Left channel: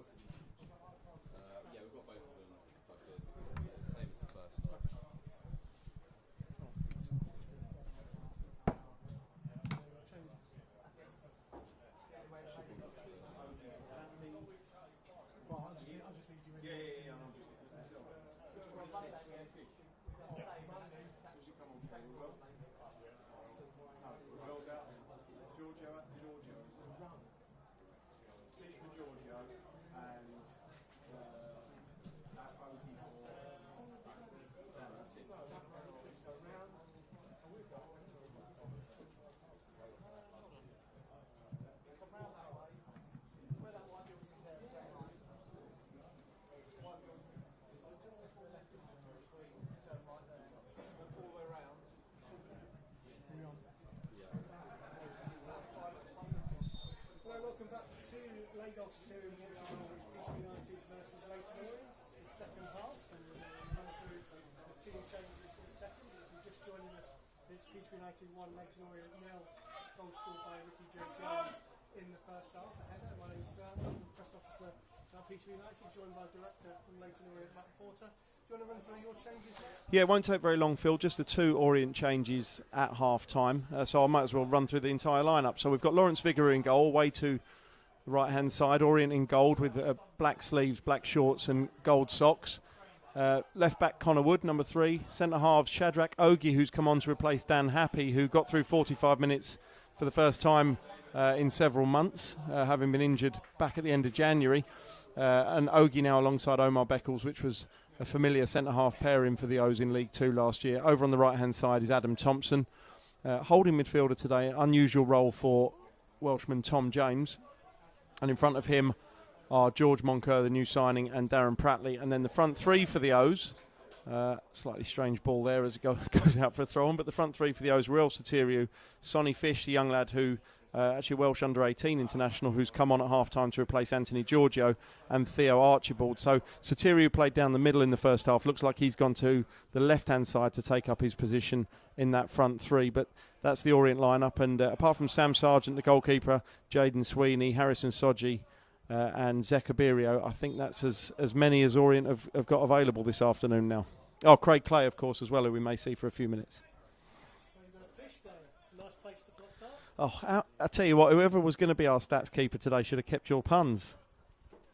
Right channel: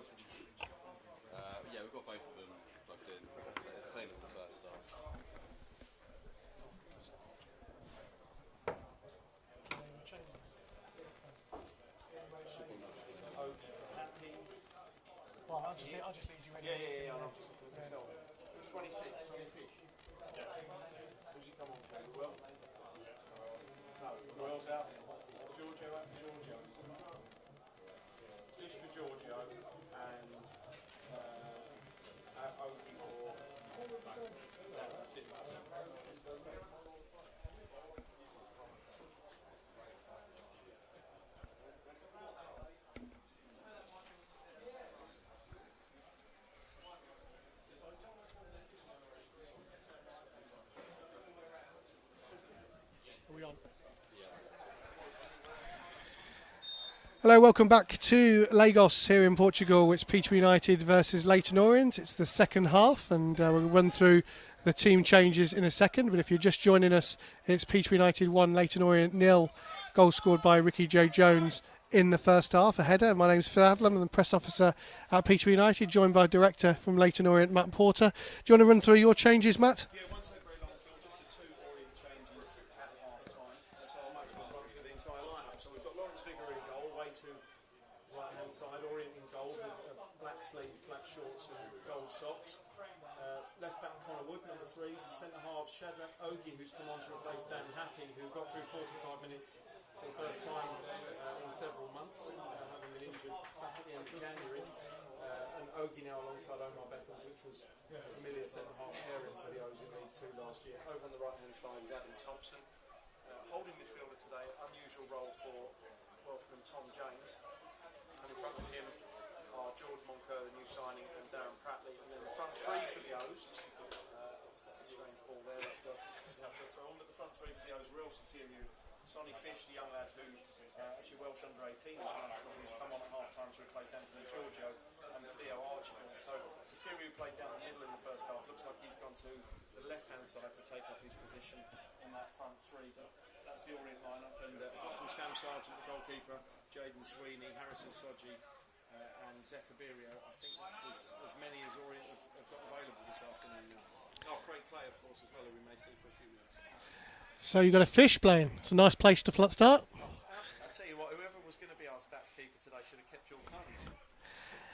both of them. Yeah, we've got both of them plugged in. Same as the first start. I'll just leave you in. Yeah, I'm just looking at myself. 26, Sunny Fish. Who's he come on for? Will? No, Will's out there. Giorgio out for Giorgio. Fish for Giorgio and Oki for Hello, welcome back to Lagos here in Portugal. It's Peterborough United versus Leyton Orient. It's the second half, and we'll run through the team changes in a second. But if you're just joining us, it's Peterborough United 1, Leyton Orient 0. Goal scored by Ricky Joe Jones in the first half, a header. My name's Phil Adlam, I'm the press officer at Peterborough United, joined by director from Leyton Orient, Matt Porter. Do you want to run through your changes, Matt? Yeah, it won't take very long, Phil. Just the 2 Orient changes at half-time. So I might as well run through the entire lineup. So we've got Lawrence Vigouroux in goal, way to the right-hand side. Orient in gold with black sleeves, black shorts and gold socks. Left-back Connor Wood, number 3. Centre-halves Shadrach Ogie, who's come on to replace Dan Happy, who got through 45 minutes for the first time in several months, having been injured back at the end of January. And Ogie now alongside Omar Beckles, which was a familiar centre-half pairing for the O's in League 2 last year. Over on the right-hand side is Adam Thompson. Holding midfielder today, unusual role for Welshman Tom James. And in front of him are George Moncur, the new signing, and Darren Pratley. And then the front 3 for the O's. Slightly strange ball there as it goes out for a throw-on. But the front 3 for the O's, Real Soteriou, Sonny Fish, the young lad who actually Welsh under-18 international, who's come on at half-time to replace Anthony Giorgio, and Theo Archibald. So Soteriou played down the middle in the first half. Looks like he's gone to the left-hand side to take up his position in that front 3. But that's the Orient lineup. And apart from Sam Sargent, the goalkeeper, Jaden Sweeney, Harrison Soji, and Zekabirio, I think that's as many as Orient have got available this afternoon now. Oh, Craig Clay, of course, as well, who we may see for a few minutes. So you've got a Fish playing. It's a nice place to start. Oh, I tell you what, whoever was going to be our stats keeper today should have kept your puns.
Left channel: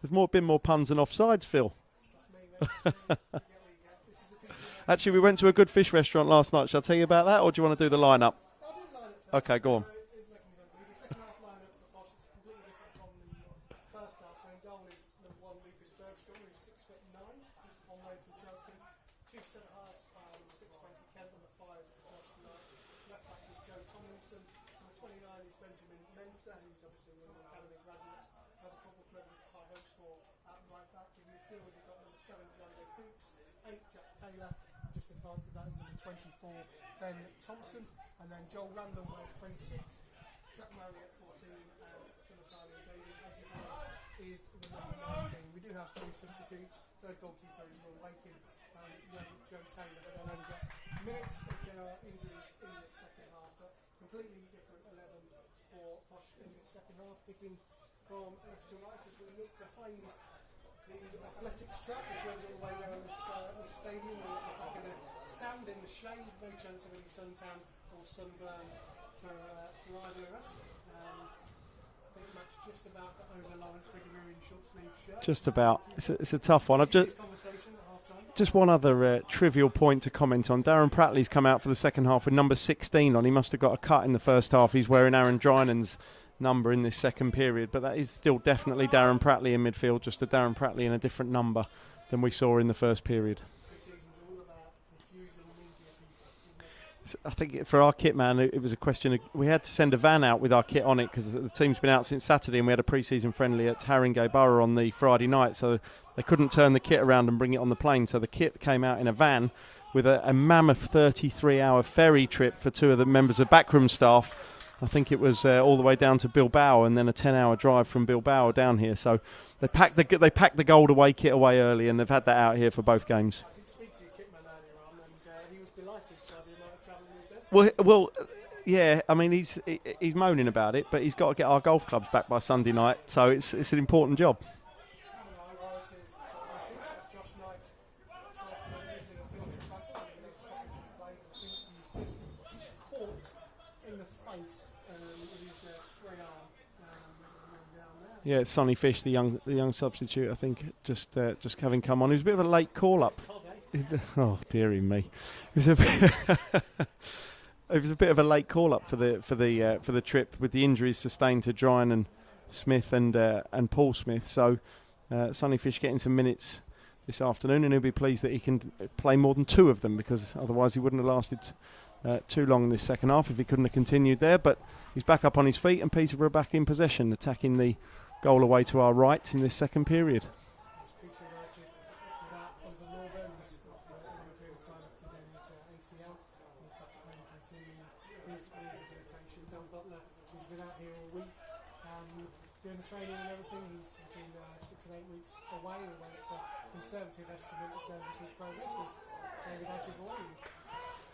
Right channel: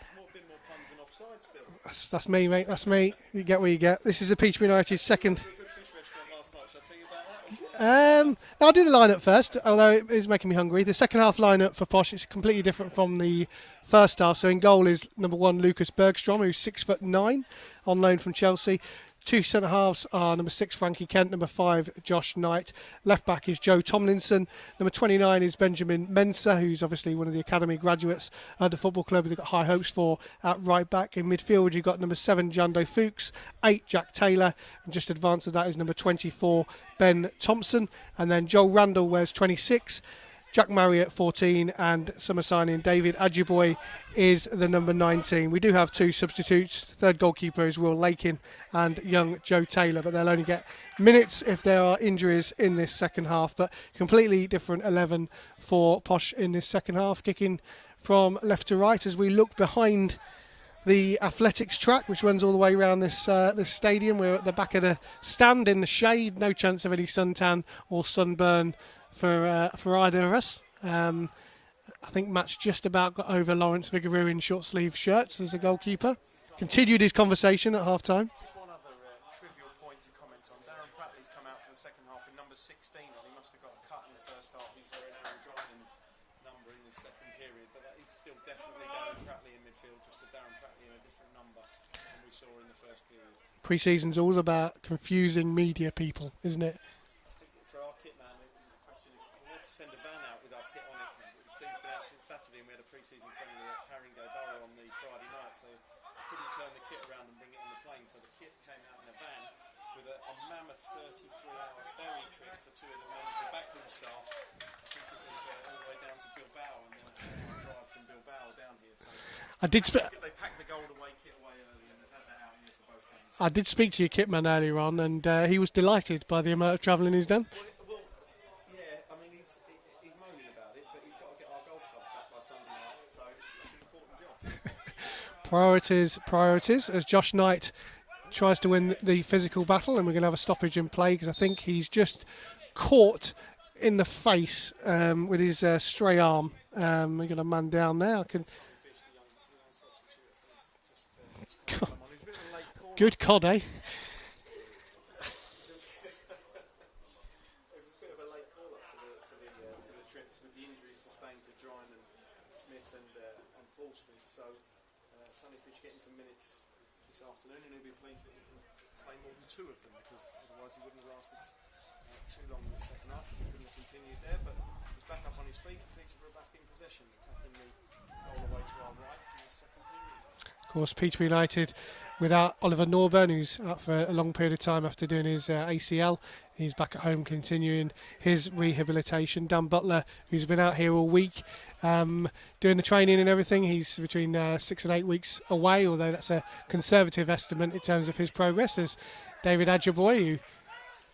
There's been more puns than offsides, Phil. That's me, mate. That's me. You get what you get. This is a Peterborough United Actually, second. we went to a good fish restaurant last night. Shall I tell you about that, or do you want to do the lineup? No, I'll do the lineup first, Okay, although it is making me hungry. The second half lineup for Posh is completely different from the first half. So in goal is number 1, Lucas Bergstrom, who's 6'9", on loan from Chelsea. 2 centre-halves are number 6, Frankie Kent, number 5, Josh Knight. Left-back is Joe Tomlinson. Number 29 is Benjamin Mensah, who's obviously one of the academy graduates at the football club they've got high hopes for at right-back. In midfield, you've got number 7, Jando Fuchs, 8, Jack Taylor, and just advanced to that is number 24, Ben Thompson. And then Joel Randall wears 26, Jack Marriott 14, and summer signing David Ajiboye is the number 19. We do have 2 substitutes. Third goalkeeper is Will Lakin and young Joe Taylor, but they'll only get minutes if there are injuries in this second half. But completely different 11 for Posh in this second half, kicking from left to right as we look behind the athletics track, which runs all the way around this stadium. We're at the back of the stand in the shade. No chance of any suntan or sunburn for either of us. I think Matt's just about got over Lawrence Vigouroux in short sleeve shirts Just as about. a goalkeeper. It's a tough one. Continued his conversation at half time. Just one other trivial point to comment on. Darren Pratley's come out for the second half with number 16 on. He must have got a cut in the first half. He's wearing Aaron Drynan's number in this second period, but that is still definitely Darren Pratley in midfield, just a Darren Pratley in a different number than we saw in the first period. Pre-season's all about confusing media people, isn't it? I think for our kit man, it was a question of, we had to send a van out with our kit on it because the team's been out since Saturday, and we had a pre-season friendly at Haringey Borough on the Friday night, so they couldn't turn the kit around and bring it on the plane, so the kit came out in a van with a mammoth 33-hour ferry trip for 2 of the members of backroom staff. I think it was all the way down to Bilbao, and then a 10-hour drive from Bilbao down here. So they packed the gold away kit away early, and they've had that out here for both games. I did speak to your kitman earlier on, and he was delighted by the amount of travelling he's done. Well, yeah. I mean, he's moaning about it, but he's got to get our golf clubs back by Sunday night, so it's an important job. Priorities, as Josh Knight tries to win the physical battle, and we're going to have a stoppage in play because I think he's just caught in the face with his stray arm. We're going to man down now. Yeah, it's Sonny Fish, the young substitute, I think, just having come on. He was a bit of a late call. Good cod, eh? Oh, dearie me. It was a bit of a late call up for the trip with the injuries sustained to Dryan and Smith and Paul Smith. So Sonny Fish getting some minutes this afternoon, and he'll be pleased that he can play more than 2 of them, because otherwise he wouldn't have lasted too long in this second half if he couldn't have continued there. But he's back up on his feet, and Peterborough back in possession, attacking the goal away to our right in this second period. Of course, Peterborough United without Oliver Norburn, who's out for a long period of time after doing his ACL. He's back at home continuing his rehabilitation. Dan Butler, who's been out here all week doing the training and everything, he's between 6 and 8 weeks away, although that's a conservative estimate in terms of his progress. As David Adjaboy, who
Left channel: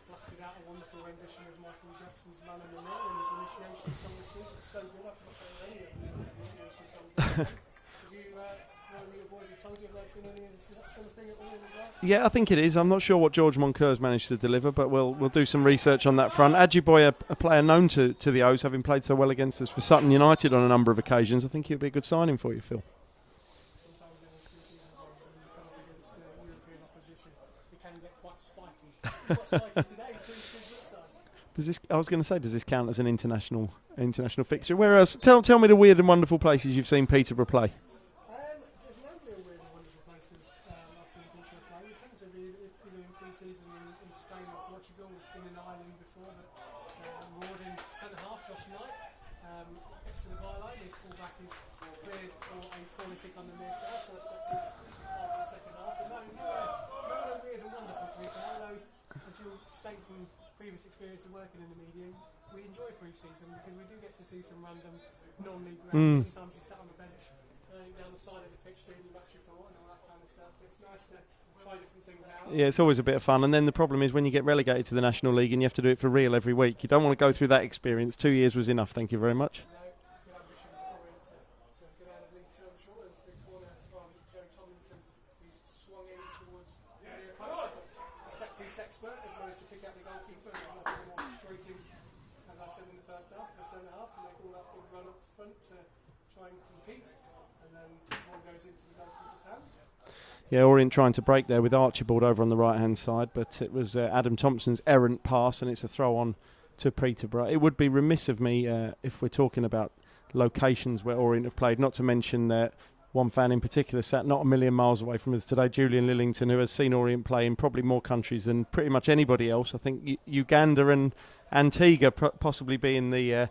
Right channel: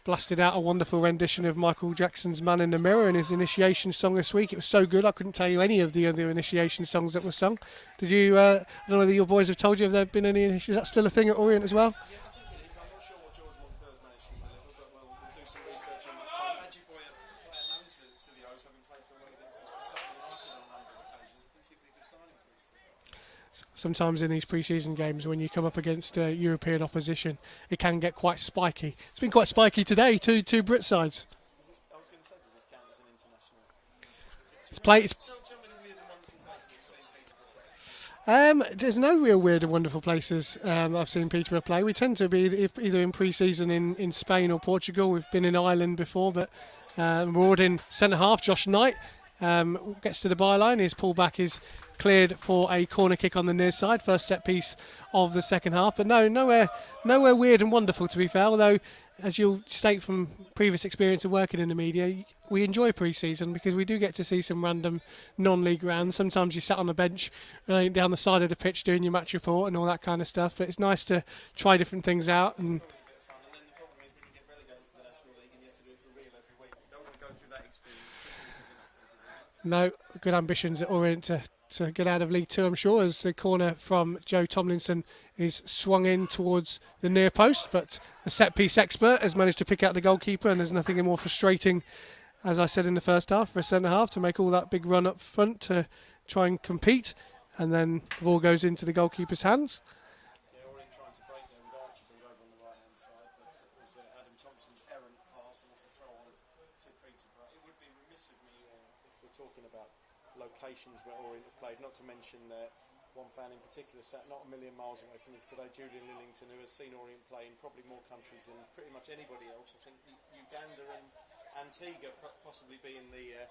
blasted out a wonderful rendition of Michael Jackson's Man in the Mirror in his initiation song this week. It was so good I couldn't tell you any of the other initiation songs that were sung. Did you, I don't know whether your boys have told you, have there been any, is that still a thing at Orient as well? Yeah, I think it is. I'm not sure what George Moncur's managed to deliver, but we'll do some research on that front. Adjiboy, a player known to the O's, having played so well against us for Sutton United on a number of occasions. I think he'll be a good signing for you, Phil. Sometimes in these pre-season games, when you come up against European opposition, it can get quite spiky. It's been quite spiky today, two Brit sides. I was going to say, does this count as an international fixture? Where else? Tell me the weird and wonderful places you've seen Peterborough play. There's no real weird and wonderful places I've seen Peterborough play. We tend to be either in pre-season in Spain or Portugal. We've been in Ireland before, but we're in centre half. Josh Knight gets to the byline. His pullback is cleared for a corner kick on the near side. First set piece of the second half. But nowhere weird and wonderful, to be fair. Although, as you'll state from previous experience of working in the media, we enjoy pre-season because we do get to see some random non-league rounds. Sometimes you sat on the bench down the side of the pitch doing your match report and all that kind of stuff. But it's nice to try different things out. Yeah, it's always a bit of fun. And then the problem is when you get relegated to the National League and you have to do it for real every week, you don't want to go through that experience. 2 years was enough, thank you very much. No, good ambitions at Orient to get out of League Two, I'm sure, as the corner from Joe Tomlinson is swung in towards the near post, but the set-piece expert has managed to pick out the goalkeeper, and there's nothing more frustrating, as I said in the first half, for a centre-half to make all that big run up front to try and compete, and then the ball goes into the goalkeeper's hands. Yeah, Orient trying to break there with Archibald over on the right-hand side, but it was Adam Thompson's errant pass, and it's a throw-on to Peterborough. It would be remiss of me if we're talking about locations where Orient have played, not to mention one fan in particular sat not a million miles away from us today, Julian Lillington, who has seen Orient play in probably more countries than pretty much anybody else. I think Uganda and Antigua possibly being the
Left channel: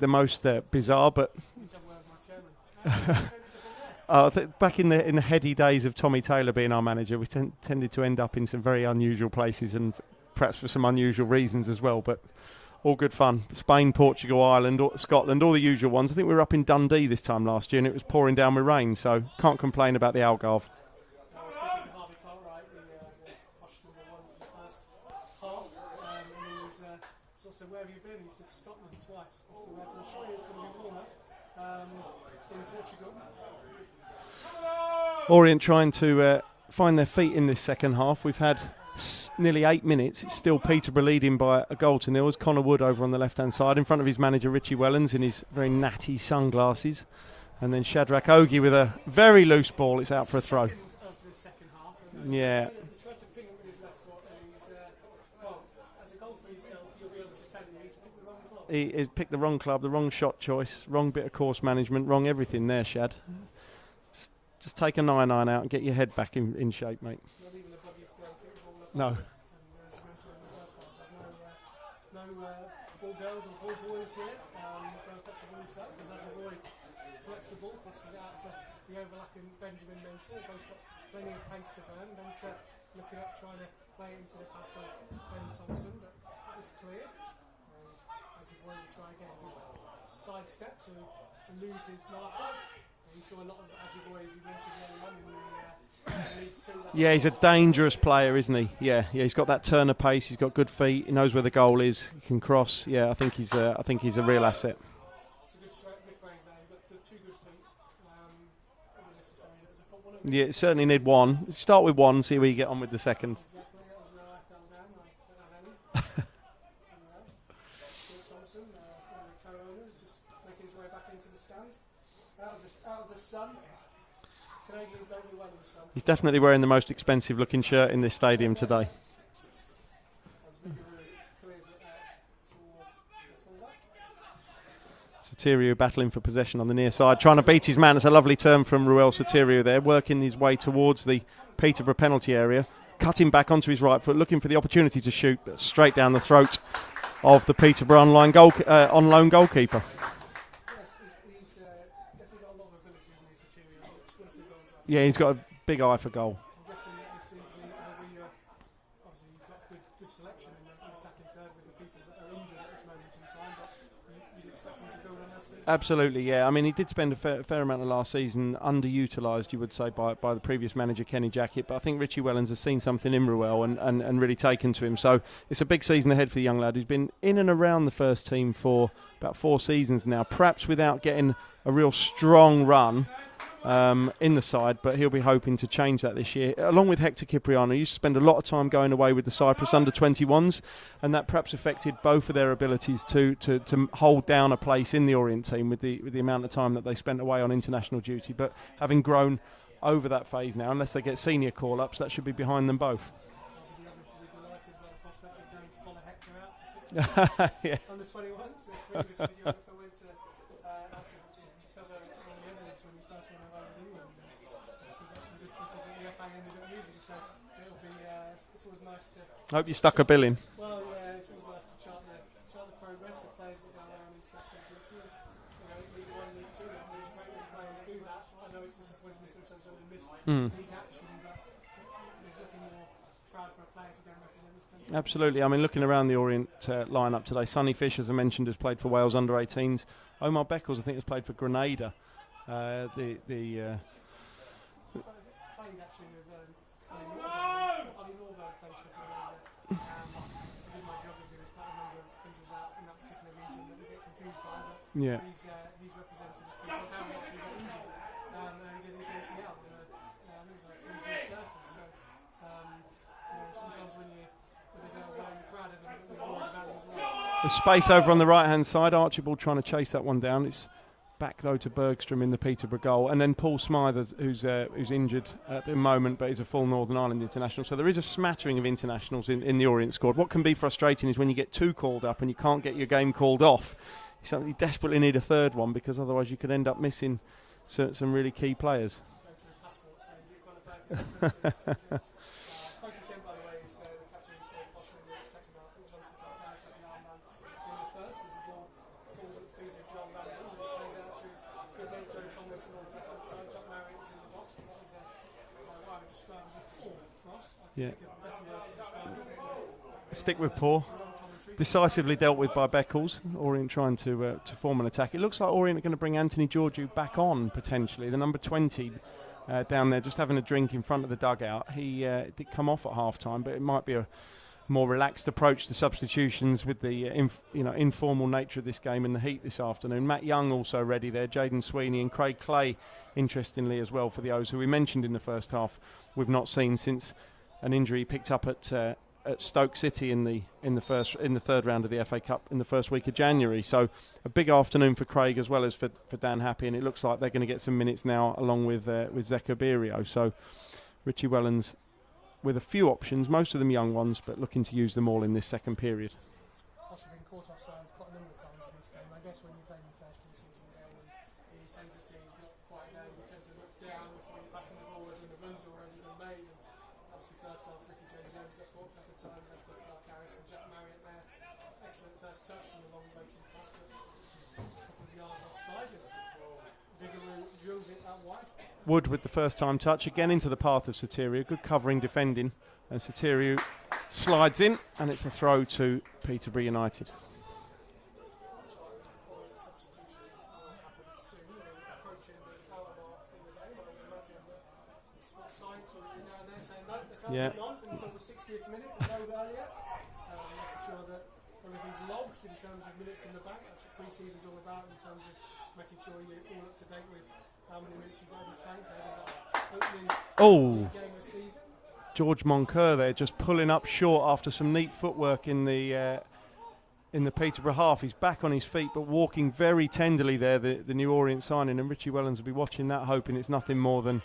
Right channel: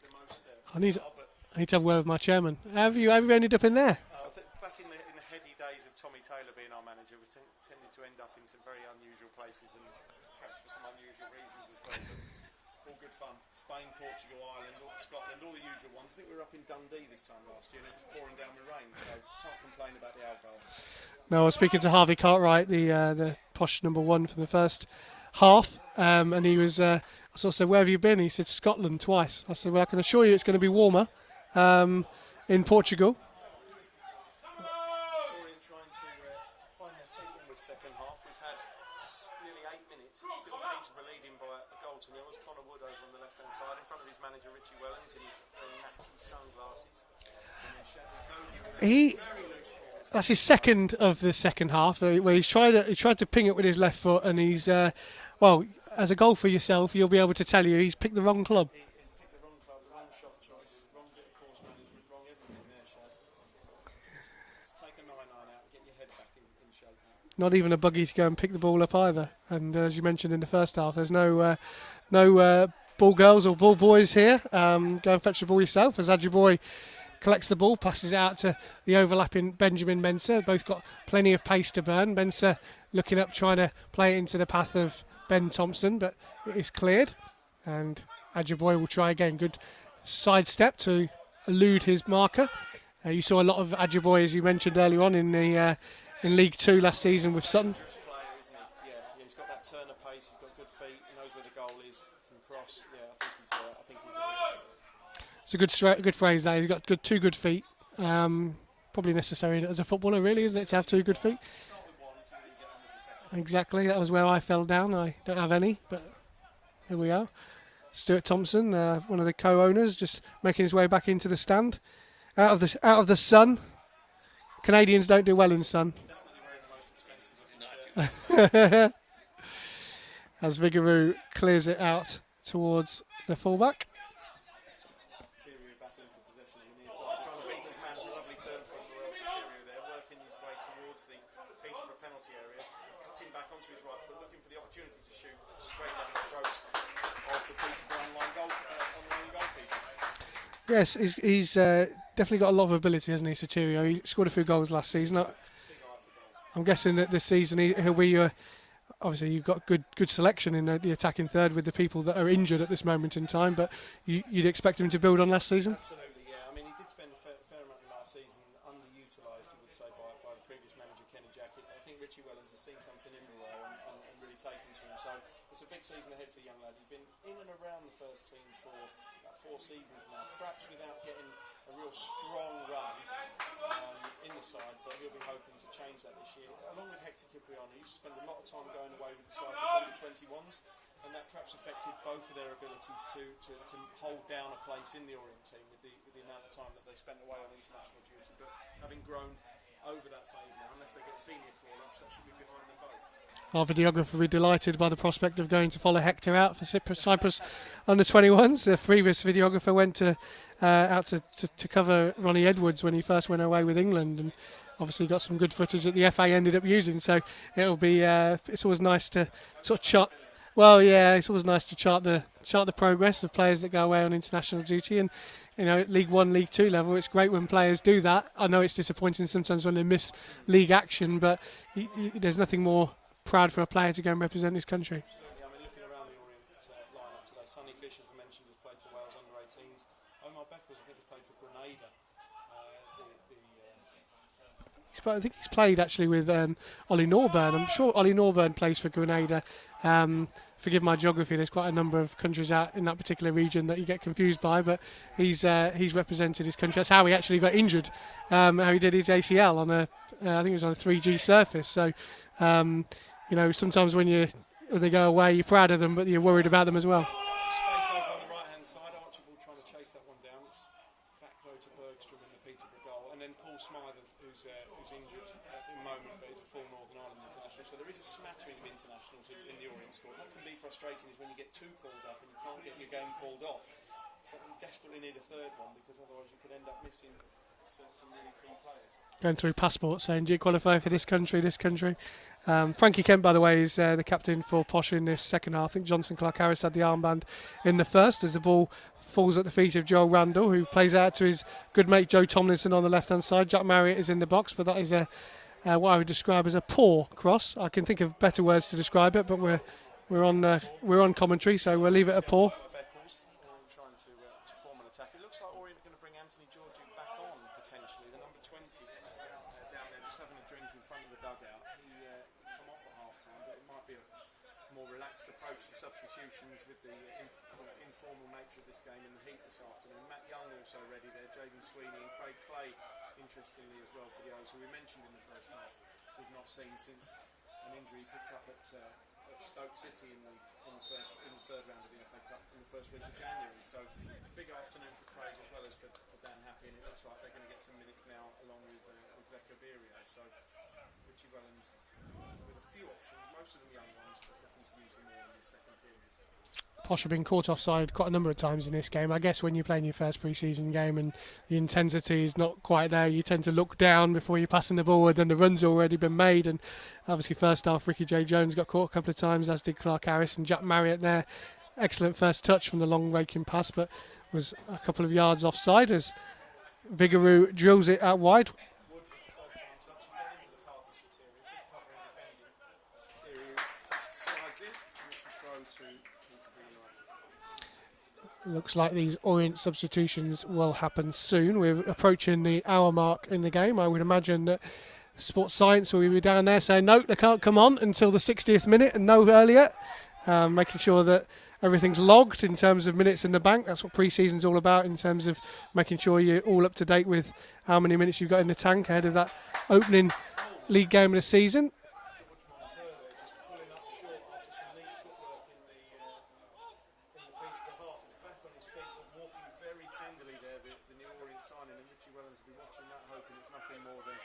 most bizarre. But I need to have a word with my chairman. Have you ended up in there? Back in the heady days of Tommy Taylor being our manager, we tended to end up in some very unusual places, and perhaps for some unusual reasons as well. But all good fun. Spain, Portugal, Ireland, Scotland, all the usual ones. I think we were up in Dundee this time last year and it was pouring down with rain, so can't complain about the Algarve. No, I was speaking to Harvey Cartwright, the posh number one for the first half, and he was, I sort of said, where have you been? He said, Scotland twice. I said, well, I can assure you it's going to be warmer in Portugal. Orient trying to find their feet in this second half. We've had nearly 8 minutes. It's still Peterborough leading by a goal to nil. As Connor Wood over on the left-hand side in front of his manager Richie Wellens in his very natty sunglasses, and then Shadrach Ogie with a very loose ball. It's out for a throw. That's his second of the second half, where he tried to ping it with his left foot, and he's as a goal for yourself, you'll be able to tell you he's picked the wrong club. He's picked the wrong club, the wrong shot choice, wrong bit of course management, wrong everything there, Shad. Just take a 9-9 out and get your head back in shape, mate. Not even a buggy to go and pick the ball up either. And as you mentioned in the first half, there's no ball girls or ball boys here. Go and fetch the ball yourself. As Adjaboy collects the ball, passes it out to the overlapping Benjamin Mensah. Both got plenty of pace to burn. Mensah looking up, trying to play it into the path of Ben Thompson, but it is cleared. And Adjaboy will try again. Good sidestep to elude his marker. You saw a lot of Adjaboy, as you mentioned earlier on, in League Two last season. Yeah, he's a dangerous player, isn't he? Yeah, he's got that turn of pace. He's got good feet. He knows where the goal is. He can cross. Yeah, I think he's a real asset. It's a good phrase. That he's got two good feet. probably necessary as a footballer, really. Yeah, isn't it, to certainly have two need good one. feet? If you start with one, see where you get on with the second. Exactly, that was where I fell down. I don't have any, but here we are. Stuart Thompson, one of the co-owners, just making his way back into the stand, out of the sun. Canadians don't do well in sun. He's definitely wearing the most expensive looking shirt in this stadium today. As Vigaroo clears it out towards the fullback. Soteriou battling for possession on the near side, trying to beat his man. It's a lovely turn from Ruel Soteriou there, working his way towards the Peterborough penalty area, cutting back onto his right foot, looking for the opportunity to shoot, but straight down the throat of the Peterborough on loan goalkeeper. Yes, he's definitely got a lot of ability, hasn't he, Soteriou? He scored a few goals last season. Yeah, he's got a big eye for goal. I'm guessing that this season he'll be... obviously, you've got good selection in the attacking third with the people that are injured at this moment in time, but you'd expect him to build on last season? Absolutely, yeah. I mean, he did spend a fair amount of last season underutilised, you would say, by the previous manager, Kenny Jackett, but I think Richie Wellens has seen something in Ruel and really taken to him. So it's a big season ahead for the young lad who's been in and around the first team for about 4 seasons now, perhaps without getting a real strong run in the side, but he'll be hoping to change that this year. Along with Hector Cipriano, he used to spend a lot of time going away with the Cyprus under-21s, and that perhaps affected both of their abilities to hold down a place in the Orient team with the amount of time that they spent away on international duty. But having grown over that phase now, unless they get senior call-ups, that should be behind them both. Our videographer will be delighted by the prospect of going to follow Hector out for Cyprus Yeah. under-21s. The previous videographer went out to cover Ronnie Edwards when he first went away with England, and obviously got some good footage that the FA ended up using. So it'll be it's always nice to Hope you stuck a bill in. Well, yeah, it's always nice to chart the progress of players that go away on international duty, and at League 1, League 2 level, it's great when players do that. I know it's disappointing sometimes when they miss league action, but there's nothing more proud for a player to go and represent his country. Absolutely. I mean, looking around the Orient lineup today, Sonny Fish, as I mentioned, has played for Wales under-18s. Omar Beckles, I think, has played for Grenada. I think he's played actually with Ollie Norburn. I'm sure Ollie Norburn plays for Grenada. Forgive my geography, there's quite a number of countries out in that particular region that you get confused by, but Yeah. he's represented his country. That's how he actually got injured, how he did his ACL on I think it was on a 3G surface. So sometimes when they go away, you're proud of them, but you're worried about them as well. The space over on the right-hand side, Archibald trying to chase that one down. It's back, though, to Bergstrom in the Peterborough goal. And then Paul Smythe, who's injured at the moment, but he's a full Northern Ireland international. So there is a smattering of internationals in the Orient squad. What can be frustrating is when you get 2 called up and you can't get your game called off. You desperately need a third one, because otherwise you could end up missing some really key players. Going through passports saying, do you qualify for this country, this country? Frankie Kent, by the way, is the captain for Posh in this second half. I think Johnson Clark-Harris had the armband in the first as the ball falls at the feet of Joel Randall, who plays out to his good mate Joe Tomlinson on the left-hand side. Jack Marriott is in the box, but that is what I would describe as a poor cross. I can think of better words to describe it, but we're on commentary, so we'll leave it a dealt poor. with by Beckles. Orient trying to form an attack. It looks like Orient are going to bring Anthony Georgiou back on, potentially. The number 20 down there, just having a drink in front of the dugout. He did come off at half-time, but it might be a more relaxed approach to substitutions with the informal nature of this game in the heat this afternoon. Matt Young also ready there, Jaden Sweeney and Craig Clay, interestingly as well, for the O's, who we mentioned in the first half. We've not seen since an injury he picked up at Stoke City in the third round of the FA Cup in the first week of January. So a big afternoon for Craig as well as for Dan Happy, and it looks like they're going to get some minutes now along with Zeka Birio. So Richie Wellens with a few options, most of them young ones, but looking to use them all in this second period. Posh have been caught offside quite a number of times in this game. I guess when you're playing your first pre-season game and the intensity is not quite there, you tend to look down before you're passing the ball, and then the run's already been made. And obviously first half, Ricky J. Jones got caught a couple of times, as did Clark Harris, and Jack Marriott there. Excellent first touch from the long raking pass, but was a couple of yards offside as Vigaroo drills it out wide. Wood with the first time touch, again into the path of Soteriou. Good covering defending, and Soteriou slides in, and it's a throw to Peterborough United. Looks like these Orient substitutions will happen soon. We're approaching the hour mark in the game. I would imagine that Sports Science will be down there saying no, they can't come on until the 60th minute and no earlier, making sure that everything's logged in terms of minutes in the bank. That's what pre-season's all about, in terms of making sure you're all up to date with how many minutes you've got in the tank ahead of that opening league game of the season. George Moncur there just pulling up short after some neat footwork in the Peterborough half. He's back on his feet but walking very tenderly there, the New Orient signing, and Richie Wellens will be watching that, hoping it's nothing more than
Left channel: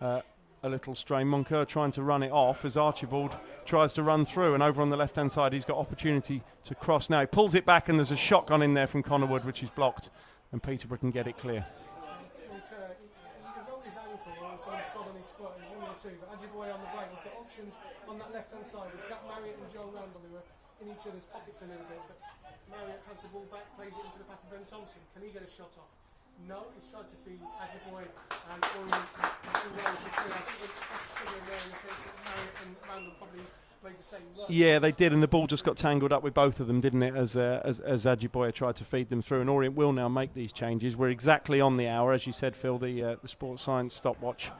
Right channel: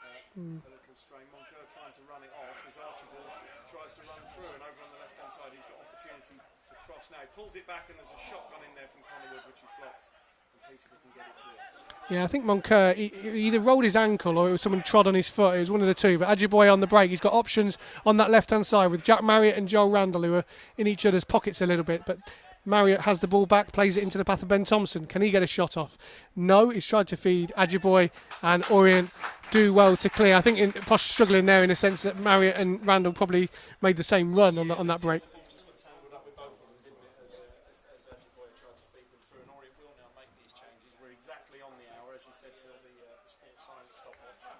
a little strain. Moncur trying to run it off as Archibald tries to run through, and over on the left hand side he's got opportunity to cross now. He pulls it back and there's a shotgun in there from Connor Wood which is blocked, and Peterborough can get it clear. Yeah, I think Moncur, he either rolled his ankle or it was someone trod on his foot. It was one of the two. But Ajiboye on the break, he's got options on that left-hand side with Jack Marriott and Joel Randall, who are in each other's pockets a little bit. But Marriott has the ball back, plays it into the path of Ben Thompson. Can he get a shot off? No, he's tried to feed Ajiboye, and Orient do well to clear. I think Posh struggling there in the sense that Marriott and Randall probably made the same run. Yeah, on they that did, break. and the ball just got tangled up with both of them, didn't it, as Ajiboye tried to feed them through. And Orient will now make these changes. We're exactly on the hour, as you said, Phil, the sports science stopwatch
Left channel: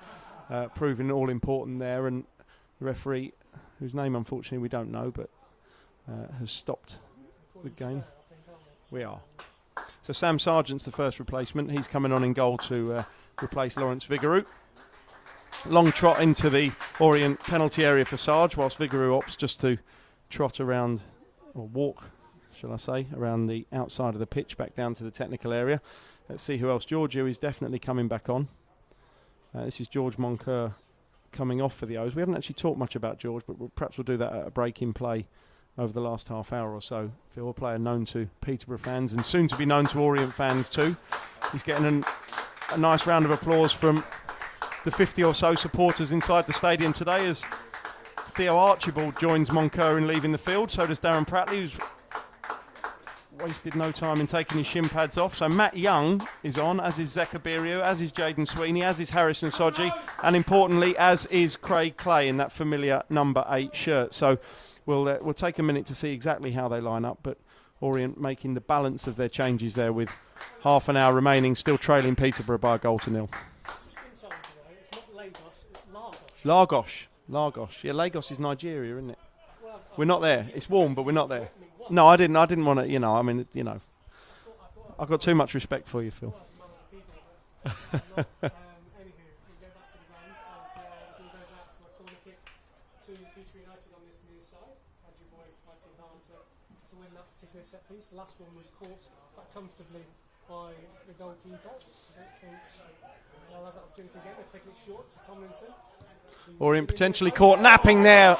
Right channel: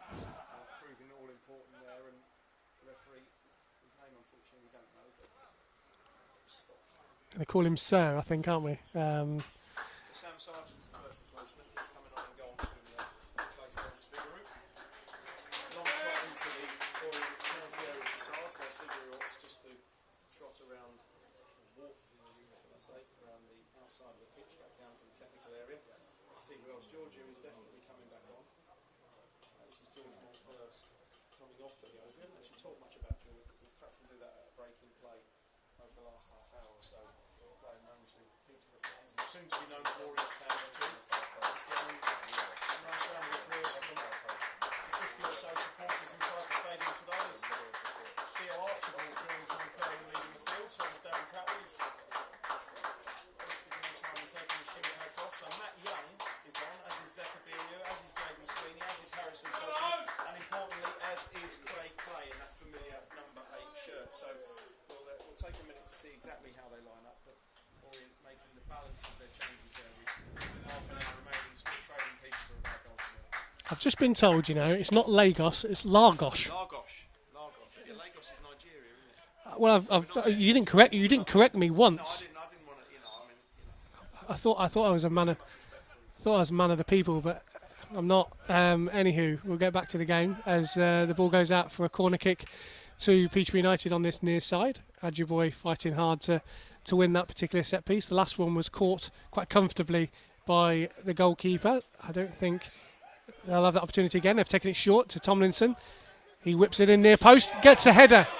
proving all important there. And the referee, whose name unfortunately we don't know, but has stopped. They call him Sir, I think, aren't we? We are. So Sam Sargent's the first replacement. He's coming on in goal to replace Lawrence Vigouroux. Long trot into the Orient penalty area for Sarge, whilst Vigouroux opts just to trot around, or walk, shall I say, around the outside of the pitch back down to the technical area. Let's see who else. Giorgio is definitely coming back on. This is George Moncur coming off for the O's. We haven't actually talked much about George, but perhaps we'll do that at a break in play over the last half hour or so. Phil, a player known to Peterborough fans and soon to be known to Orient fans too. He's getting a nice round of applause from the 50 or so supporters inside the stadium today as Theo Archibald joins Moncur in leaving the field. So does Darren Pratley, who's wasted no time in taking his shin pads off. So Matt Young is on, as is Zekabirio, as is Jaden Sweeney, as is Harrison Soji, and importantly, as is Craig Clay in that familiar number 8 shirt. So we'll take a minute to see exactly how they line up, but Orient making the balance of their changes there with half an hour remaining, still trailing Peterborough by a goal to nil. I've just been told, it's not Lagos, it's Lagos. Lagos. Yeah, Lagos is Nigeria, isn't it? Well, we're not there. You didn't correct me once. No, I didn't want to. I thought I was. I've got too much respect for you, Phil. I thought I was a man of the people, but I'm not. Anywho, we'll get back to the game as the ball goes out for a corner kick to Peterborough United on this near side. Ajiboye fighting hard to win that particular set piece. The last one was caught quite comfortably by the goalkeeper. I don't think they'll have that opportunity again. They've taken it short to Tomlinson. He whips it in near post. Gets a header. There.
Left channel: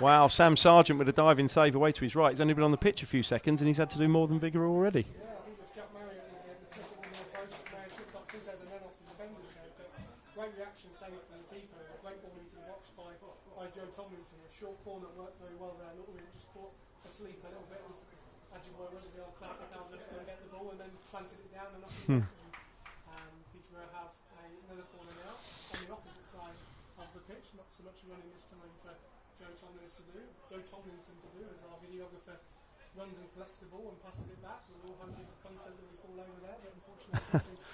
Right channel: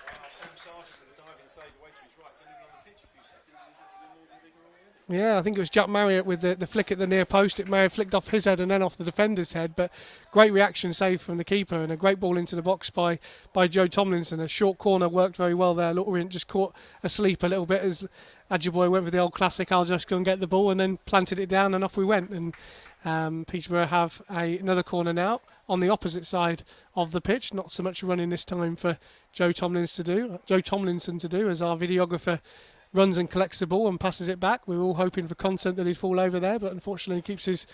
Wow, Sam Sargent with a diving save away to his right. He's only been on the pitch a few seconds and he's had to do more than Vigouroux already. Yeah, I think it was Jack Marriott with the flick at the near post. It may have flicked off his head and then off the defender's head, but great reaction save from the keeper and a great ball into the box by Joe Tomlinson. A short corner worked very well there. Orient just caught asleep a little bit as Ajiboye went with the old classic, I'll just go and get the ball, and then planted it down and off we went. And Peterborough have another corner now on the opposite side of the pitch. Not so much running this time for Joe Tomlinson to do as our videographer runs and collects the ball and passes it back. We were all hoping for content that he'd fall over there, but unfortunately he keeps his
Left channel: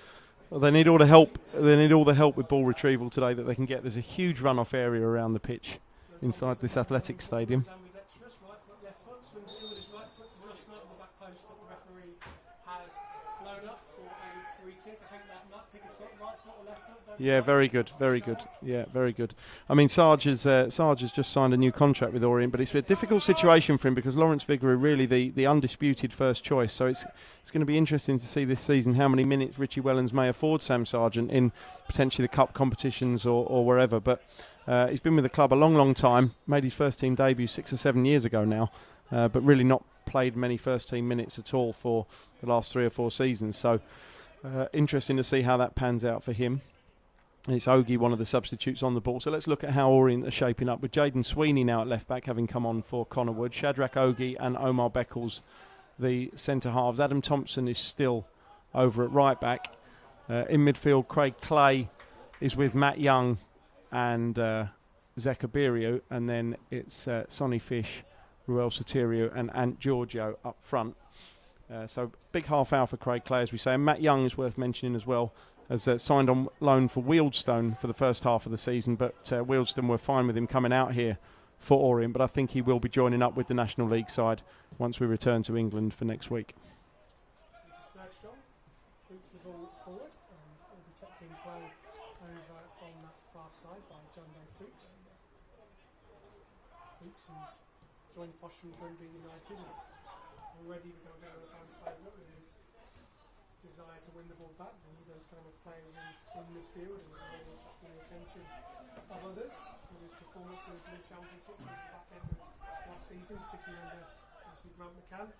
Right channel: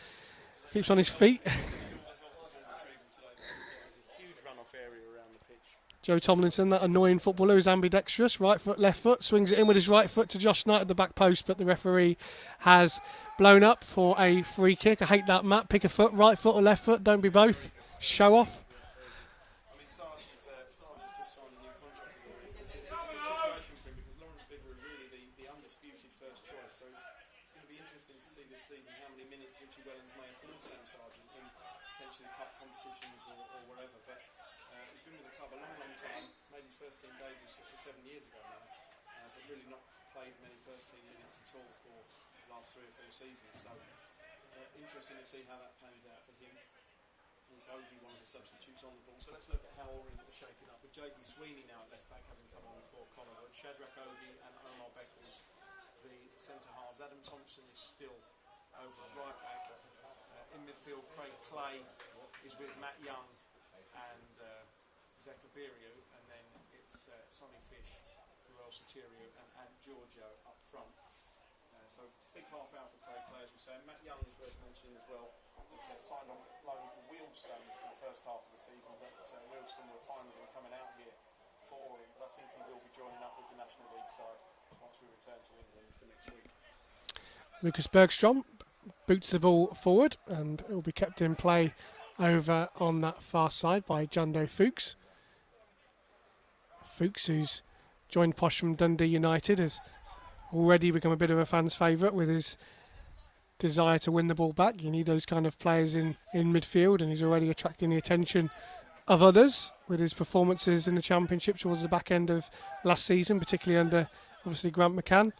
well, they need all the help. They need all the help with ball retrieval today that they can get. There's a huge runoff area around the pitch. Joe Tomlinson, that annoying footballer who's ambidextrous, right foot, left foot, swings it in with his right foot to Josh Knight at the back post, but the referee has blown up for a free kick. I hate that, Matt. Pick a foot, right foot or left foot. Don't be both. Yeah, very good. Show off. Yeah, very good. I mean, Sarge has just signed a new contract with Orient, but it's a difficult situation for him because Lawrence Vigouroux really the undisputed first choice. So it's going to be interesting to see this season how many minutes Richie Wellens may afford Sam Sargent in potentially the cup competitions or wherever. But he's been with the club a long time. Made his first team debut 6 or 7 years ago now, but really not played many first team minutes at all for the last 3 or 4 seasons. So interesting to see how that pans out for him. And it's Ogie, one of the substitutes on the ball. So let's look at how Orient are shaping up with Jaden Sweeney now at left back, having come on for Connor Wood. Shadrach Ogie and Omar Beckles, the centre halves. Adam Thompson is still over at right back. In midfield, Craig Clay is with Matt Young and Zekabirio, and then it's Sonny Fish, Ruel Sotirio and Ant Giorgio up front. So big half hour for Craig Clay, as we say. And Matt Young is worth mentioning as well, as signed on loan for Wealdstone for the first half of the season, but Wealdstone were fine with him coming out here for Orient, but I think he will be joining up with the National League side once we return to England for next week. Lucas Bergstrom boots the ball forward, and it will be kept in play over on that far side by Jando Fuchs. Fuchs, who's joined Posh from Dundee United, has already become a bit of a fan's favourite with his desire to win the ball back. You need those kind of players in midfield, and he's already attracting the attention of others with his performances in the Championship towards the back end of last season, particularly under obviously Grant McCann.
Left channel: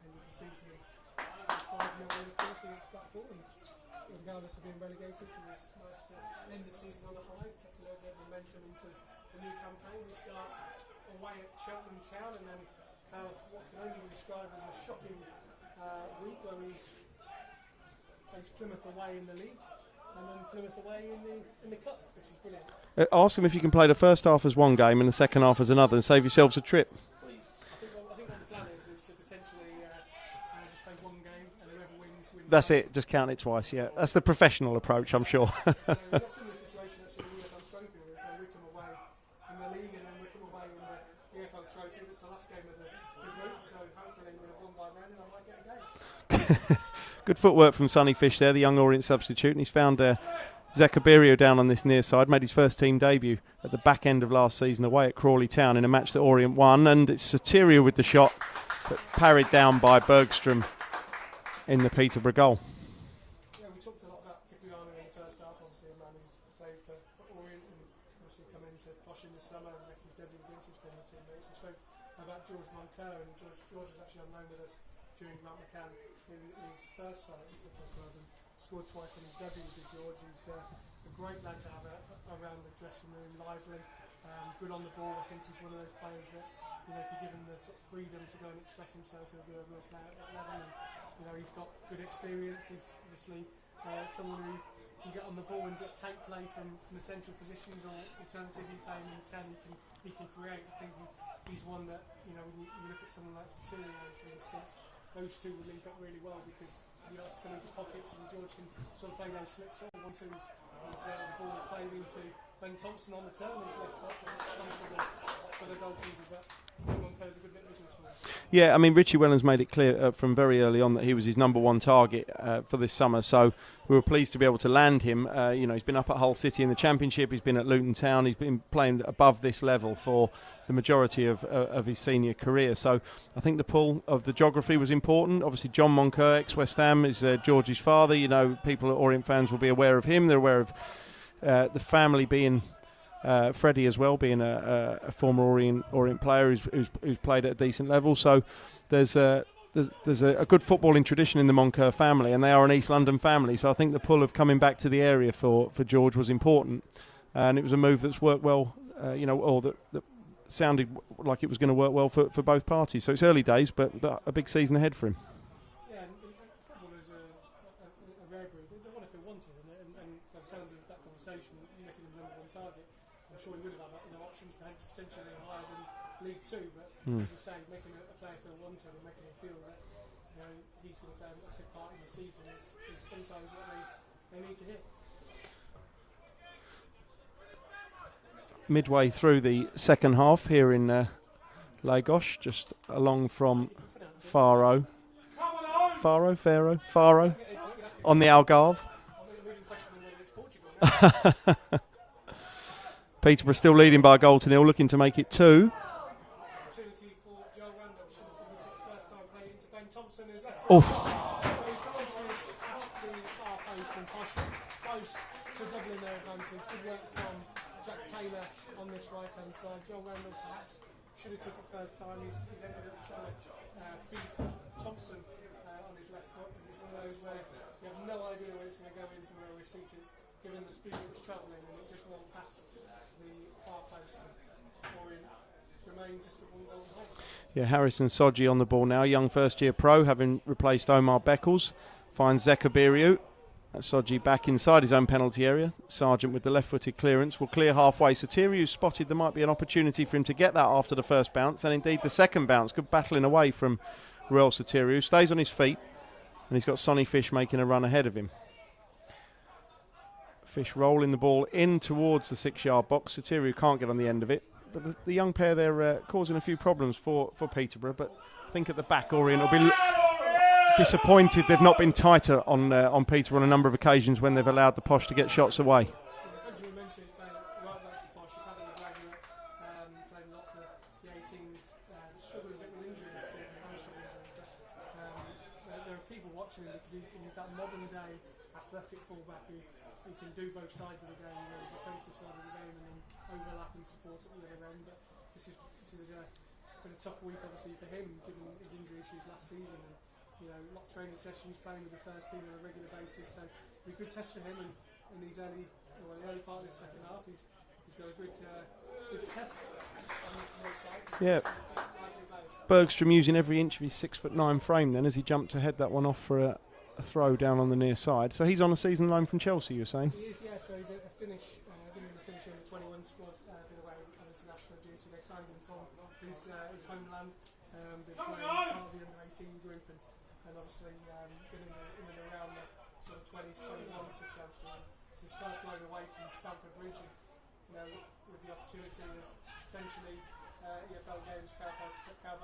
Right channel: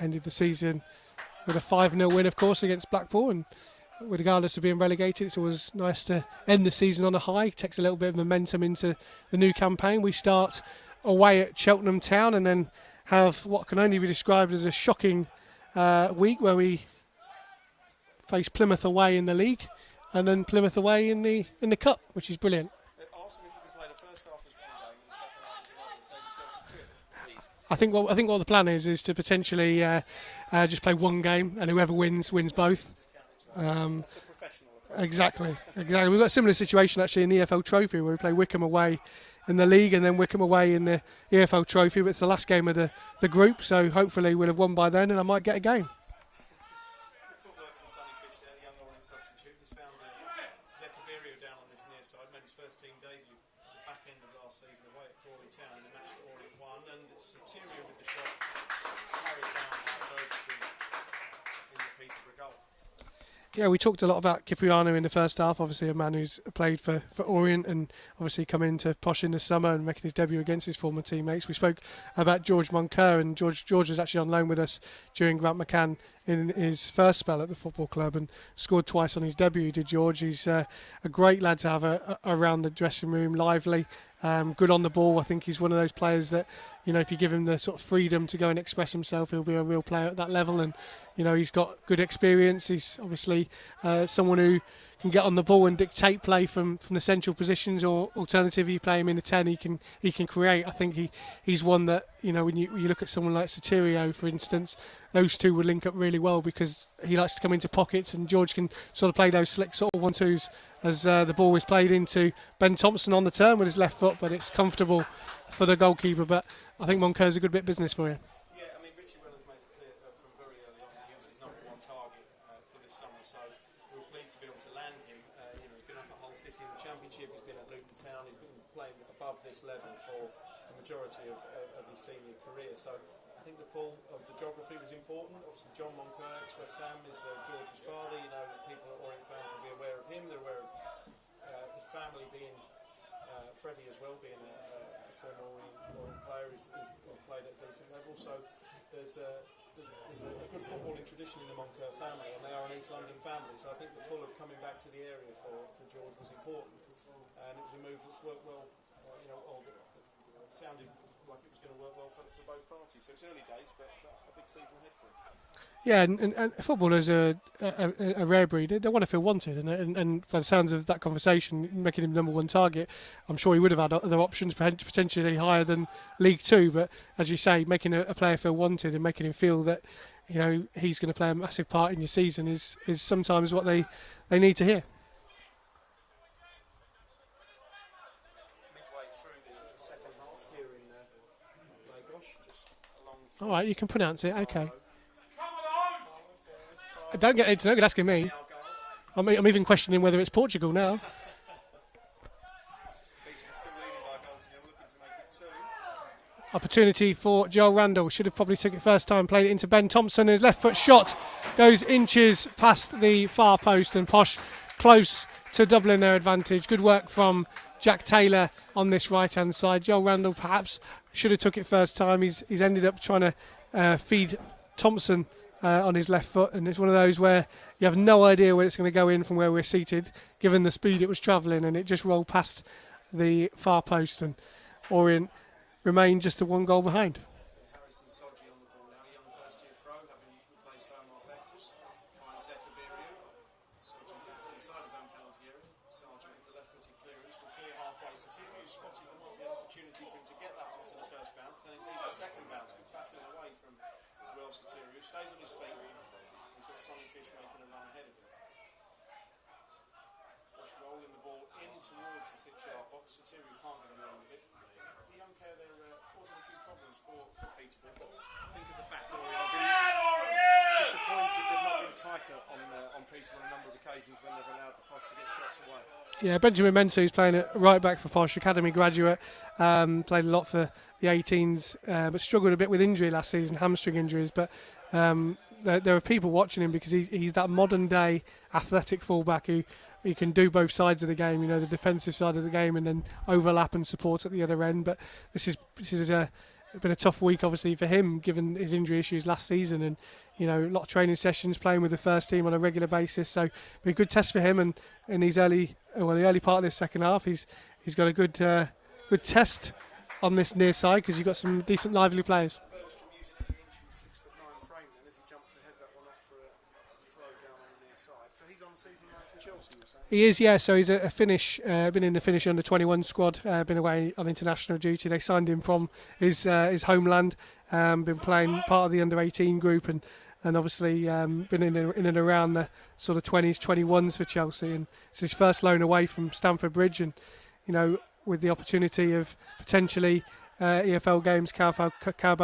Ended the season with a 5-0 win, of course, against Blackpool, and regardless of being relegated, it's always nice to end the season on a high. Takes a little bit of momentum into the new campaign. We start away at Cheltenham Town and then have what can only be described as a shocking week where we face Plymouth away in the league and then Plymouth away in the cup, which is brilliant. Ask them if you can play the first half as one game and the second half as another and save yourselves a trip. I think what the plan is to potentially just play one game, and whoever wins That's both. it. Just count it twice. Yeah. That's the professional approach, exactly, I'm sure. Exactly. We've got a similar situation actually in the EFL Trophy where we play Wickham away in the league and then Wickham away in the EFL Trophy. But it's the last game of the group, so hopefully we'll have won by then, and I might get a game. Good footwork from Sonny Fish there, the young Orient substitute, and he's found Zakabirio down on this near side. Made his first team debut at the back end of last season away at Crawley Town in a match that Orient won, and it's Soterio with the shot, but parried down by Bergstrom in the Peterborough goal. Yeah, we talked a lot about Kipriano in the first half, obviously a man who's played for Orient and obviously come into Posh in the summer and making his debut against his former teammates. We spoke about George Moncur, and George was actually on loan with us during Grant McCann in his first spell at the football club and scored twice on his debut, did George. He's a great lad to have around the dressing room, lively, good on the ball. I think he's one of those players that, you know, if you give him the sort of freedom to go and express himself, he'll be a real player at that level. And you know, he's got good experience. He's obviously someone who can get on the ball and dictate play from the central positions, or alternatively, you play him in the 10, he can create. I think he's one that, you know, when you look at someone like Soterio, for instance, those two would link up really well because he likes to come into pockets and George can sort of play those slick sort of 1-2s as the ball was played into Ben Thompson on the turn with his left foot, but it's comfortable for the goalkeeper. But I think Moncur's a good bit of business for you. Yeah, I mean, Richie Wellens made it clear from very early on that he was his number one target for this summer, so we were pleased to be able to land him. You know, he's been up at Hull City in the Championship, he's been at Luton Town, he's been playing above this level for the majority of his senior career, so I think the pull of the geography was important. Obviously John Moncur, ex-West Ham, is George's father. You know, people at Orient fans will be aware of him. They're aware of the family being Freddie as well, being a former Orient player who's played at a decent level. So there's a good footballing tradition in the Moncur family, and they are an East London family. So I think the pull of coming back to the area for George was important, and it was a move that's worked well. You know, or that sounded like it was going to work well for both parties. So it's early days, but a big season ahead for him. Yeah, and footballers are a rare breed. They want to feel wanted, and by the sounds of that conversation, making him number one target, I'm sure he would have had other options, potentially higher than League Two. But as you say, making a player feel wanted and making him feel that, you know, he's going to play a massive part in your season is sometimes what they need to hear. Midway through the second half here in Lagos, just along from right, you can pronounce it. Faro. Okay. Faro. Don't get asking me. On the Algarve. I'm even questioning whether it's Portugal now. Peterborough still leading by a goal to nil, looking to make it 2. Opportunity for Joel Randall. Should have probably took it first time, played it into Ben Thompson. His left foot shot goes inches past the far post, and Posh close to doubling their advantage. Good work from Jack Taylor on this right-hand side. Joel Randall perhaps should have took it first time. He's ended up trying to feed Thompson on his left foot, and it's one of those where you have no idea where it's going to go in from where we're seated, given the speed it was travelling, and it just rolled past the far post, and Orient remained just the one goal behind. Yeah, Harrison Soji on the ball now, young first-year pro, having replaced Omar Beckles. Finds Zakabirio. Soji back inside his own penalty area. Sargent with the left-footed clearance will clear halfway. Soterio spotted there might be an opportunity for him to get that after the first bounce, and indeed the second bounce. Good battling away from Ruel Soterio, stays on his feet, and he's got Sonny Fish making a run ahead of him. Fish rolling the ball in towards the 6-yard box. Soterio can't get on the end of it. but the young pair, they're causing a few problems for Peterborough. But I think at the back, Orient will be disappointed they've not been tighter on Peterborough on a number of occasions when they've allowed the Posh to get shots away. Yeah, Benjamin Mensah, who's playing at right back for Posh, academy graduate, played a lot for the 18s, but struggled a bit with injury last season, hamstring injuries. But there are people watching him because he's that modern day athletic fullback who can do both sides of the game, the defensive side of the game and then overlap and support at the other end. But this is been a tough week obviously for him given his injury issues last season, and a lot of training sessions, playing with the first team on a regular basis. So it'll be a good test for him, and in the early part of this second half he's got a good test on this near side because you've got some decent lively players. Bergstrom using every inch of his 6'9" frame then as he jumped to head that one off for a throw down on the near side. So he's on a season loan from Chelsea, you're saying? He is, yeah. So he's a Finnish, been in the Finnish under-21 squad, been away on international duty. They signed him from his homeland, been playing part of the under-18 group and obviously been in and around the sort of 20s, 21s for Chelsea. And it's his first loan away from Stamford Bridge, and with the opportunity of potentially EFL games, Carabao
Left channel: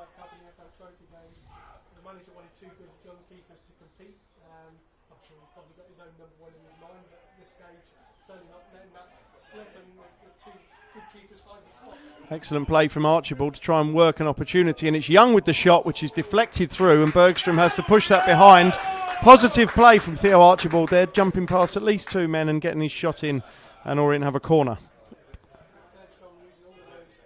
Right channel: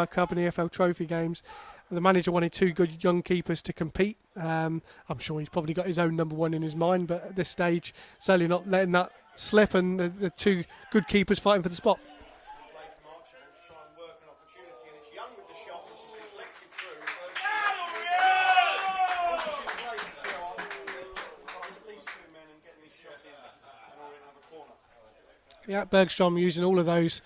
Cup and EFL Trophy games. The manager wanted two good young keepers to compete. I'm sure he's probably got his own number one in his mind, but at this stage, certainly not letting that slip, and the two good keepers fighting for the spot. Excellent play from Archibald to try and work an opportunity, and it's Young with the shot, which is deflected through, and Bergstrom has to push that behind. Positive play from Theo Archibald there, jumping past at least two men and getting his shot in, and Orient have a corner. Yeah, Bergstrom using all of those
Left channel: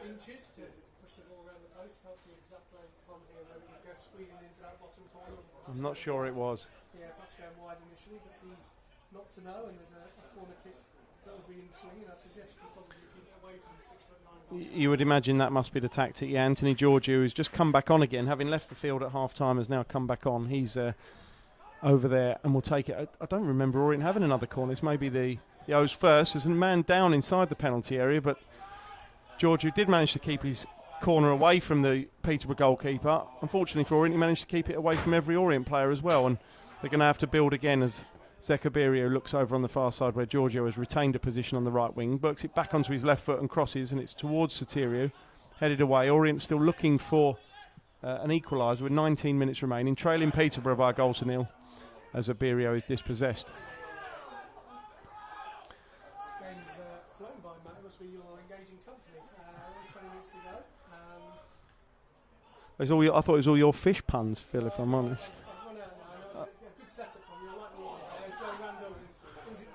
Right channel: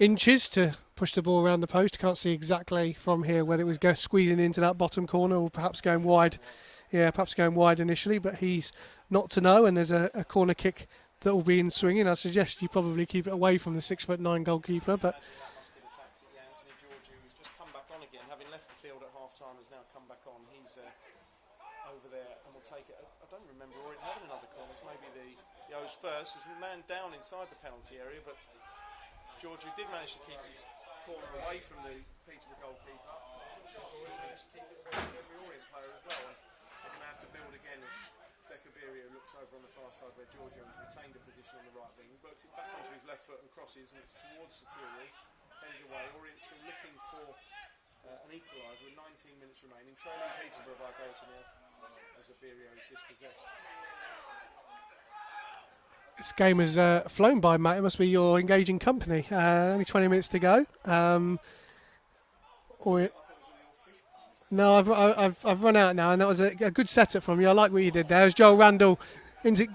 inches to push the ball around the post. Can't see exactly from here whether it was squeezing into that bottom corner or perhaps going wide. Yeah, perhaps going wide initially, but he's not to know, and there's a corner kick that will be in swinging. I suggest you probably keep it away from the 6'9" goalkeeper. You would imagine that must be the tactic. Yeah, Anthony Georgiou, who's just come back on again, having left the field at half-time, has now come back on. He's over there and will take it. I don't remember Orient having another corner. This may be the O's first. There's a man down inside the penalty area, but Georgiou did manage to keep his corner away from the Peterborough goalkeeper. Unfortunately for Orient, he managed to keep it away from every Orient player as well, and they're going to have to build again as Zekabirio looks over on the far side where Georgiou has retained a position on the right wing, works it back onto his left foot and crosses, and it's towards Sotirio, headed away. Orient still looking for an equaliser with 19 minutes remaining, trailing Peterborough by a goal to nil as Abirio is dispossessed. This game has flown by, Matt. It must be your engaging company. Only 20 minutes to go. I thought it was all your fish puns. Phil, no, I've run out now, and that was a good setup from you. I like what you did there. As Joel Randall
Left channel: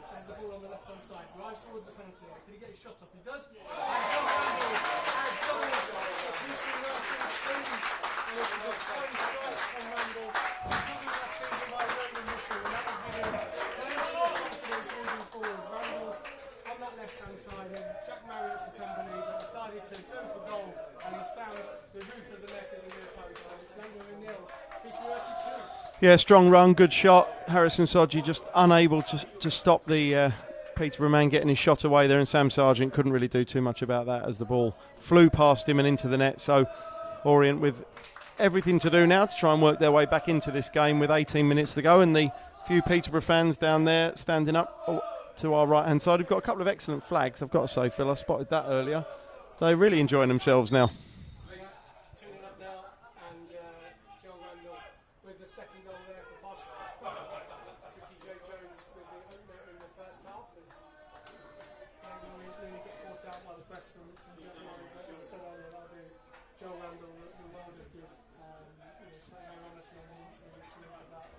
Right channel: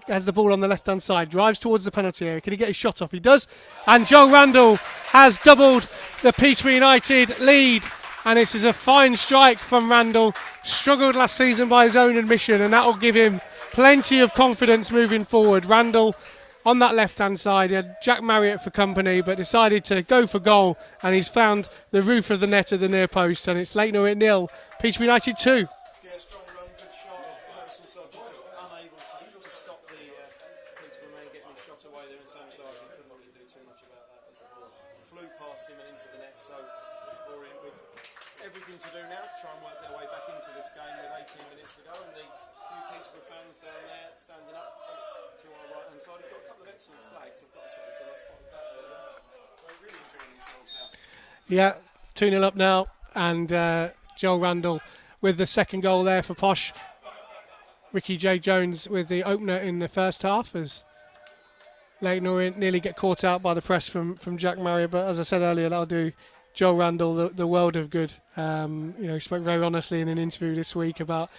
has the ball on the left-hand side, drives towards the penalty area. Can he get his shot off? He does. And Joel Randall has doubled the Peterborough United lead. And this is a fine strike from Randall. Struggled last season by his own admission, and that will give him plenty of confidence moving forward. Randall on that left-hand side, he had Jack Marriott for company, but decided to go for goal, and he's found the roof of the net at the near post, and it's Leyton Orient 0, Peterborough United 2. Yeah, strong run, good shot. Harrison Sodji just unable to stop the Peterborough man getting his shot away there, and Sam Sargent couldn't really do too much about that as the ball flew past him and into the net. So Orient with everything to do now to try and work their way back into this game with 18 minutes to go, and the few Peterborough fans down there standing up to our right hand side. We've got a couple of excellent flags, I've got to say, Phil. I spotted that earlier. They're really enjoying themselves now. Yeah, 2-0 up now, and Joel Randall with the second goal there for Posh. Ricky J. Jones with the opener in the first half as Leyton Orient nearly get caught out by the press from Jack Marriott, but as I said earlier, that'll do Joel Randall the world of good. He spoke very honestly in an interview this week about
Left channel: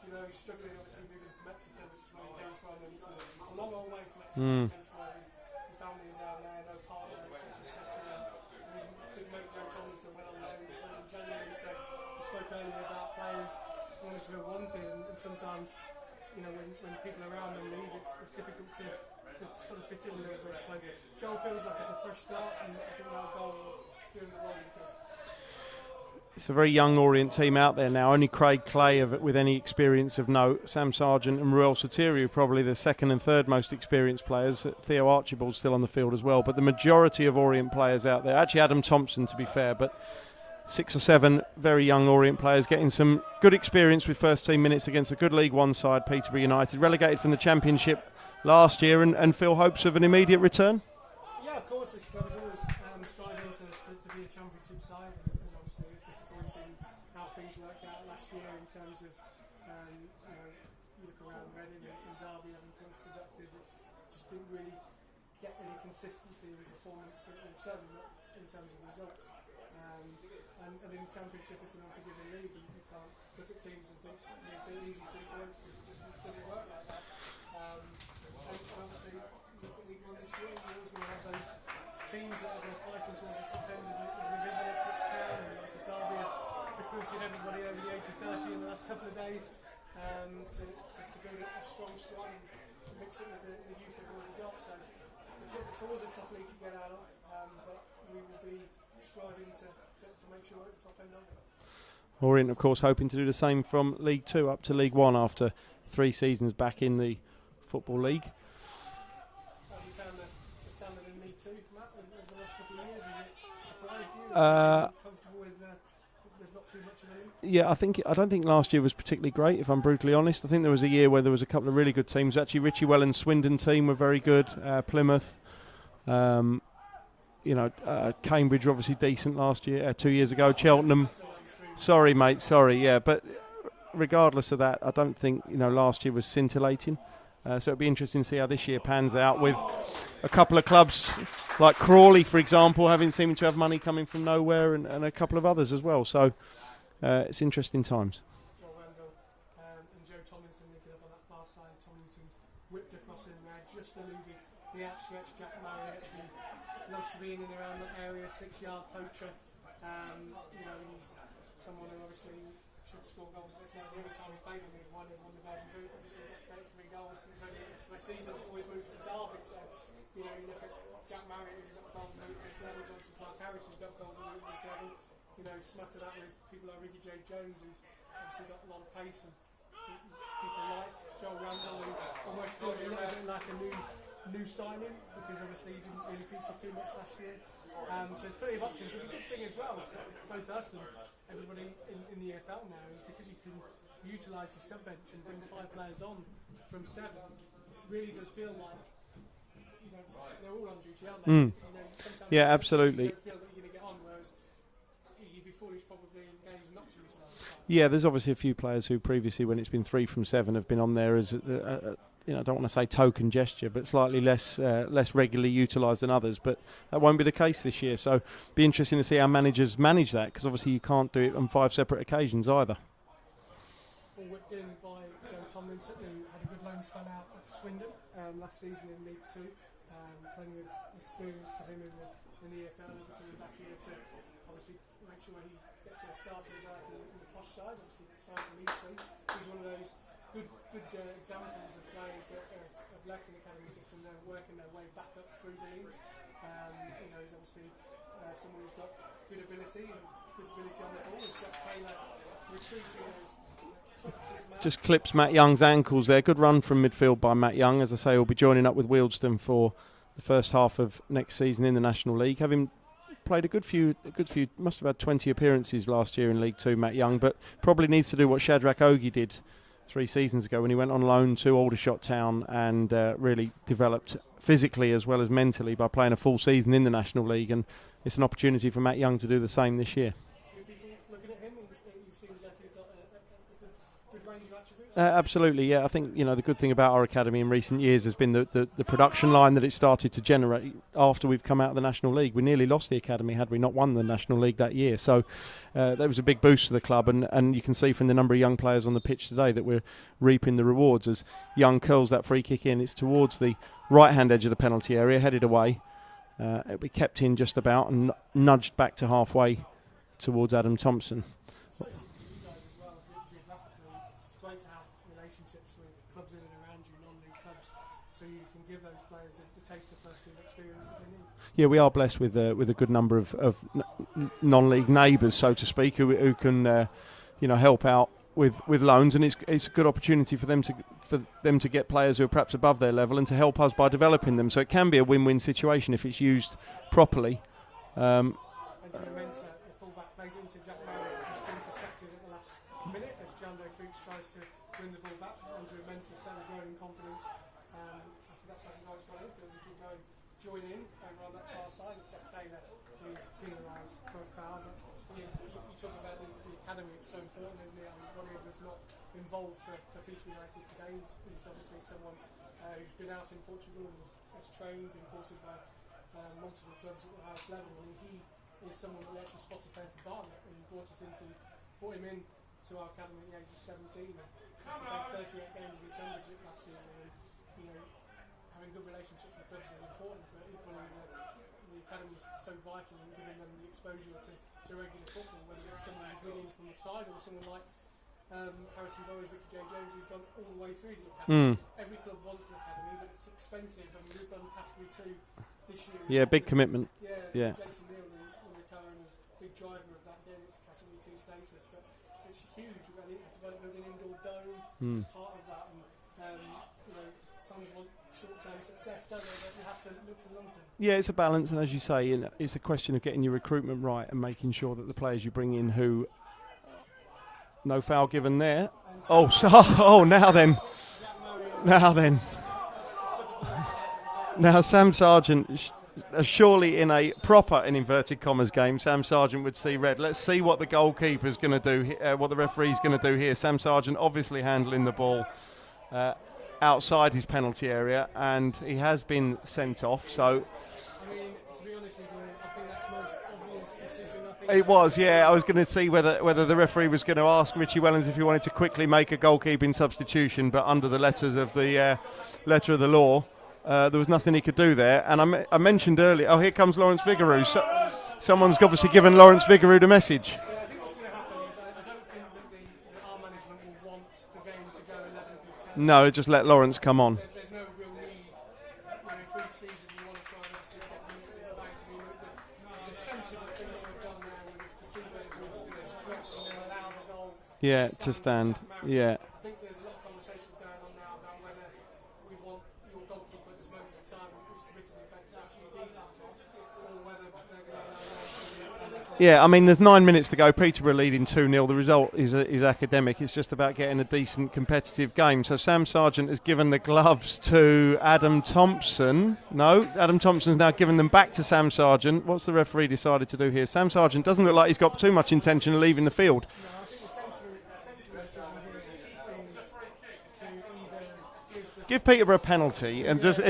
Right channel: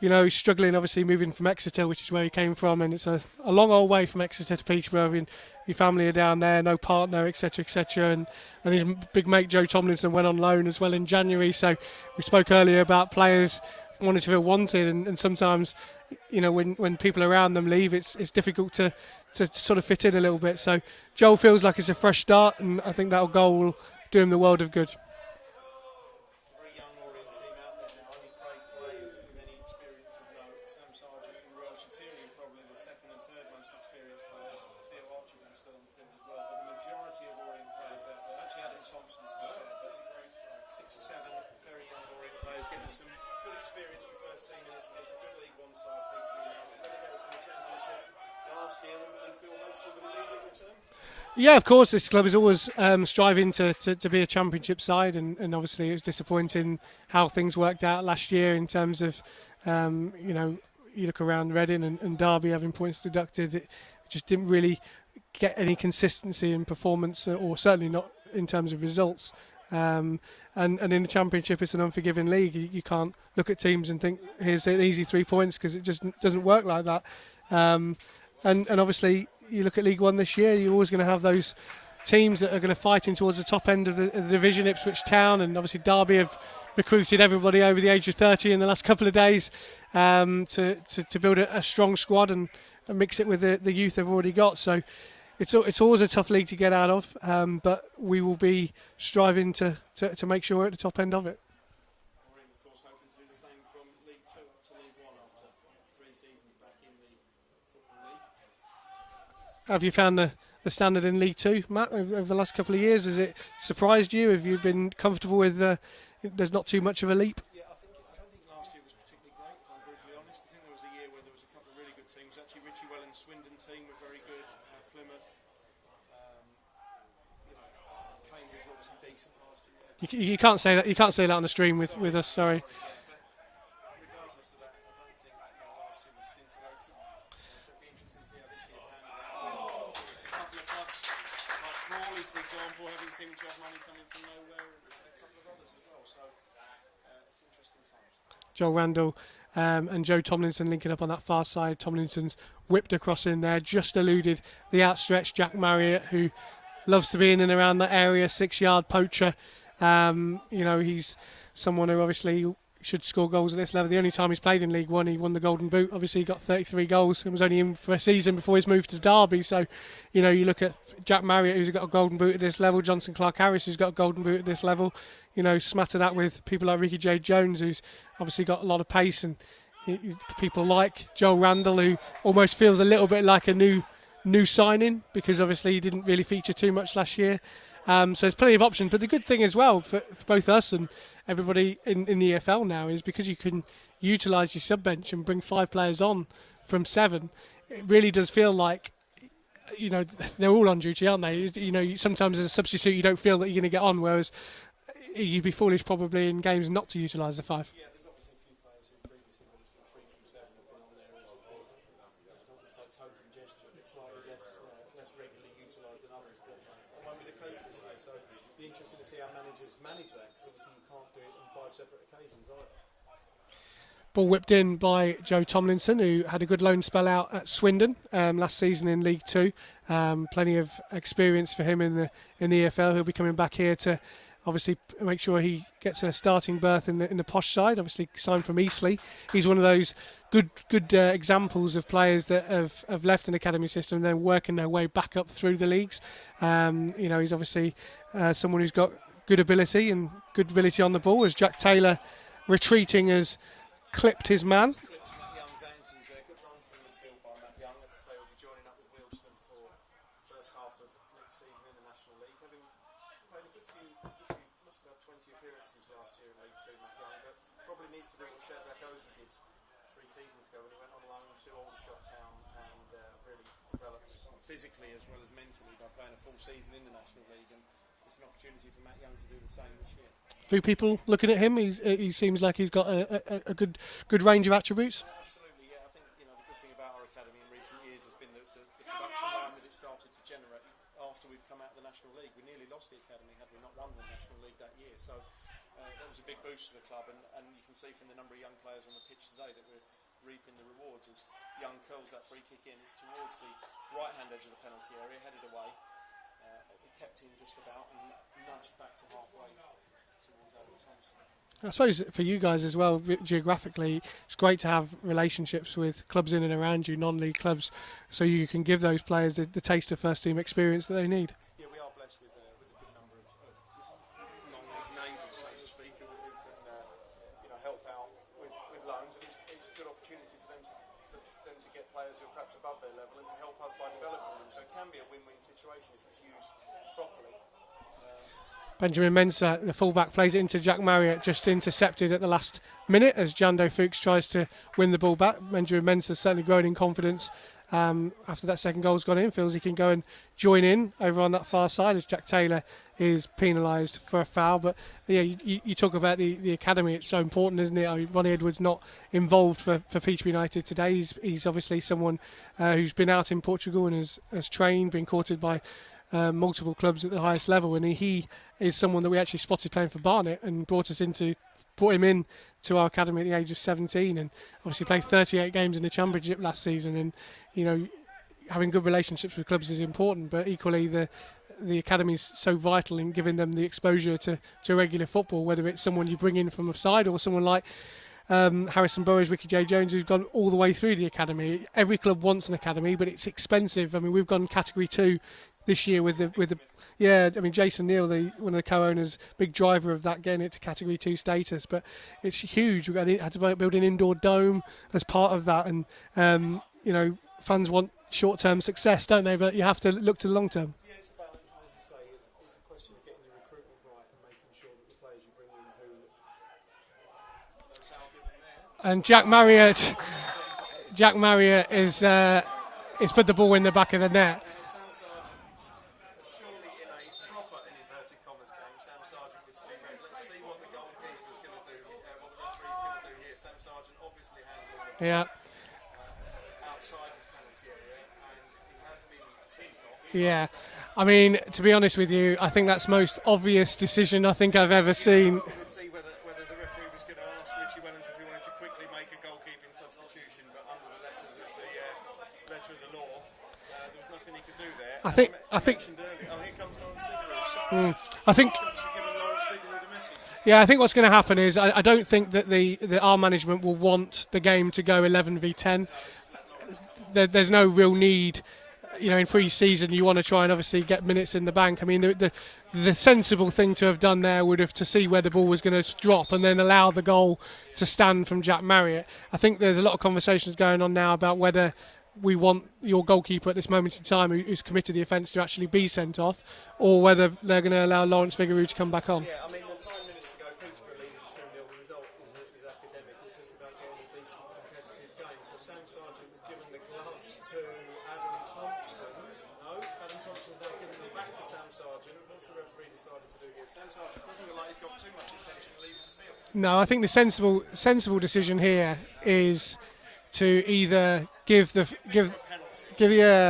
he's struggling, obviously moving from Exeter, which is where he came from, and it's a long old way from Exeter to Peterborough. Your family are down there, no partner, etc., etc. And his big mate Joe Tomlinson went on loan as well in January. So we spoke earlier about players wanting to feel wanted, and sometimes, when people around them leave, it's difficult to sort of fit in a little bit. So Joel feels like it's a fresh start, and I think that goal will do him the world of good. It's a very young Orient team out there now. Only Craig Clay with any experience of note. Sam Sargent and Ruel Sotirio probably the second and third most experienced players. Theo Archibald's still on the field as well. But the majority of Orient players out there, actually Adam Thompson to be fair, but 6 or 7 very young Orient players getting some good experience with first team minutes against a good League One side, Peterborough United, relegated from the Championship last year, and Phil hopes of an immediate return. Yeah, of course, this club is always striving to be a championship side, and obviously it was disappointing how things worked out last year in terms of, you look around Reading and Derby having points deducted. It just didn't really get any consistency in performance, or certainly not in terms of results. And in the Championship, it's an unforgiving league. You can't look at teams and think, here's an easy 3 points, because it just doesn't work like that. And obviously, you look at League One this year, you're always going to have those teams that are going to fight in towards the top end of the division. Ipswich Town and obviously Derby have recruited everybody over the age of 30 in the last couple of days to build a strong squad and mix it with the youth they've already got. So it's always a tough league to get out of, but we will be striving to make sure we're at the top end of it. Orient, of course, hoping to do the same from League 2 up to League 1 after 3 seasons back in the Football League. Have you found the standard in League 2, Matt, over the last couple of years? Has it surprised you? Have you been comfortable with there's not too much of a leap? Yeah, I don't think last year was particularly great, if I'm brutally honest. I think there was a year where there was a couple of really good teams. Actually, Richie Wellens' Swindon team were very good. Plymouth, Cambridge were obviously decent last year. 2 years ago, Cheltenham. You can't say that on the stream. Sorry, mate. Sorry, yeah. But regardless of that, I don't think last year was scintillating. So it'll be interesting to see how this year pans out, with a couple of clubs like Crawley, for example, seeming to have money coming from nowhere, and a couple of others as well. So it's interesting times. Joel Randall and Joe Tomlinson linking up on that far side. Tomlinson's whipped across in there, just eluded the outstretched Jack Marriott, who loves to be in and around that area, 6-yard poacher. He's someone who obviously should score goals at this level. The only time he's played in League One, he won the Golden Boot. Obviously, he got 33 goals and was only in for a season before his move to Derby. So, you look at Jack Marriott, who's got a Golden Boot at this level, Johnson Clark Harris, who's got a Golden Boot at this level. Smatter that with people like Ricky J. Jones, who's obviously got a lot of pace, and people like Joel Randall, who almost feels a little bit like a new signing, because obviously he didn't really feature too much last year. So there's plenty of options. But the good thing as well for both us and everybody in the EFL now is, because you can utilise your sub bench and bring 5 players on from 7, it really does feel like they're all on duty, aren't they? Sometimes as a substitute you don't feel that you're going to get on, whereas you'd be foolish probably in games not to utilise the 5. Yeah, there's obviously a few players who previously, when it's been 3 from 7, have been on there as I don't want to say token gesture, but slightly less regularly utilised than others. But that won't be the case this year. So be interesting to see how managers manage that, because obviously you can't do it on 5 separate occasions either. Ball whipped in by Joe Tomlinson, who had a good loan spell out at Swindon last season in League 2. Plenty of experience for him in the EFL. He'll be coming back here to obviously make sure he gets a starting berth in the posh side. Obviously signed from Eastleigh. He's one of those good examples of players that have left an academy system and then working their way back up through the leagues. He's obviously someone who's got good ability on the ball, as Jack Taylor, retreating, has clipped his man. Just clips Matt Young's ankles there. Good run from midfield by Matt Young. As I say, he'll be joining up with Wealdstone for the first half of next season in the National League. Having played a good few, must have had 20 appearances last year in League 2, Matt Young, but probably needs to do what Shadrach Ogie did 3 seasons ago when he went on loan to Aldershot Town and really developed physically as well as mentally by playing a full season in the National League, and it's an opportunity for Matt Young to do the same this year. Few people looking at him, he seems like he's got a good range of attributes. Absolutely, yeah. I think the good thing about our academy in recent years has been the production line that it started to generate after we've come out of the National League. We nearly lost the academy had we not won the National League that year. So that was a big boost for the club, and you can see from the number of young players on the pitch today that we're reaping the rewards as Young curls that free kick in. It's towards the right-hand edge of the penalty area, headed away. It'll be kept in just about and nudged back to halfway towards Adam Thompson. I suppose for you guys as well, geographically, it's great to have relationships with clubs in and around you, non-league clubs, so you can give those players the taste of first-team experience that they need. Yeah, we are blessed with a good number of non-league neighbours, so to speak, who can help out with loans, and it's a good opportunity for them to get players who are perhaps above their level and to help us by developing them. So it can be a win-win situation if it's used properly. Benjamin Mensah, the fullback, plays it into Jack Marriott, just intercepted at the last minute as Jando Fuchs tries to win the ball back. Benjamin Mensah certainly growing in confidence after that second goal's gone in, feels he can go and join in over on that far side as Jack Taylor is penalised for a foul. But yeah, you talk about the academy, it's so important, isn't it? I mean, Ronnie Edwards not involved for Peterborough United today. He's obviously someone who's been out in Portugal and has trained, been courted by multiple clubs at the highest level, and he is someone that we actually spotted playing for Barnet and brought him in to our academy at the age of 17, and obviously played 38 games in the Championship last season. And you know, having good relationships with clubs is important, but equally the academy is so vital in giving them the exposure to regular football, whether it's someone you bring in from the side or someone like Harrison Burrows, Ricky J. Jones, who's gone all the way through the academy. Every club wants an academy, but it's expensive. I mean, we've gone Category 2 this year with big commitment. I mean, Jason Neal, one of the co-owners, big driver of that, getting it to Category 2 status. But it's huge. We've had to build an indoor dome as part of that, and you know, fans want short-term success, don't they? But you have to look to the long term. Yeah, it's a balance, and as you say, you know, it's a question of getting your recruitment right and making sure that the players you bring in who. No foul given there. And Jack Marriott. Now then. Jack Marriott is put the ball in the back of the net. Now Sam Sargent, surely in a proper, in inverted commas, game, Sam Sargent would see red. Let's see what the goalkeeper's going to do, what the referee's going to do here. Sam Sargent obviously handling the ball outside his penalty area, and he has been sent off. So. Yeah. I mean, to be honest with you, I think that's the most obvious decision I've ever seen. I was going to see whether the referee was going to ask Richie Wellens if he wanted to quickly make a goalkeeping substitution, but under the letters of the letter of the law, there was nothing he could do there. I mentioned earlier, here comes Lawrence Vigouroux. Someone's obviously given Lawrence Vigouroux the message. Yeah, I think what's going to happen is I don't think that our management will want the game to go 11 v 10. No, just let Lawrence come on. There's no real need. You know, in pre-season, you want to try and obviously get minutes in the bank. I mean, the sensible thing to have done there would have to see where the ball was going to drop and then allow the goal to stand from Jack Marriott. Yeah. I think there's a lot of conversations going on now about whether we want your goalkeeper at this moment in time who's committed the offence to actually be sent off, or whether they're going to allow Lawrence Vigouroux to come back on. Yeah, I mean, there's 9 minutes to go. Peterborough leading 2-0. The result is academic. It's just about getting a decent competitive game. So Sam Sargent has given the gloves to Adam Thompson. No, Adam Thompson's now given them back to Sam Sargent. What's the referee decided to do here? Sam Sargent doesn't look like he's got too much intention of leaving the field. No, I think the sensible decision here is to either give Peterborough a penalty,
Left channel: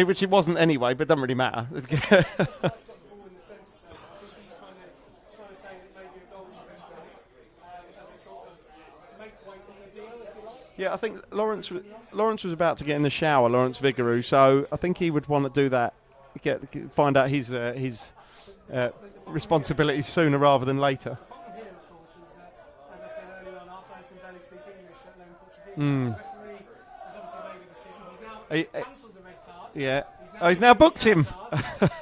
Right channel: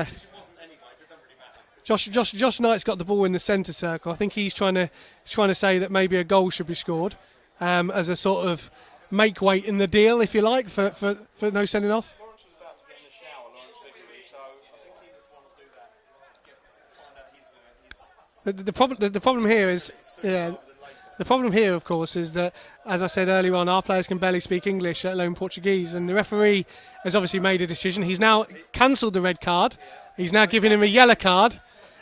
which it wasn't anyway, but it doesn't really matter. Josh Knight's got the ball in the centre circle. I think he's trying to say that maybe a goal should be scored as a sort of make weight in the deal, if you like, for no sending off. Lawrence was about to get in the shower, Lawrence Vigouroux, so I think he would want to do that, find out his The problem responsibilities here is sooner rather than later. The problem here, of course, is that, as I said earlier on, our players can barely speak English, let alone Portuguese, and the referee has obviously made a decision. He's now cancelled the red card. Yeah. He's now given him a yellow card.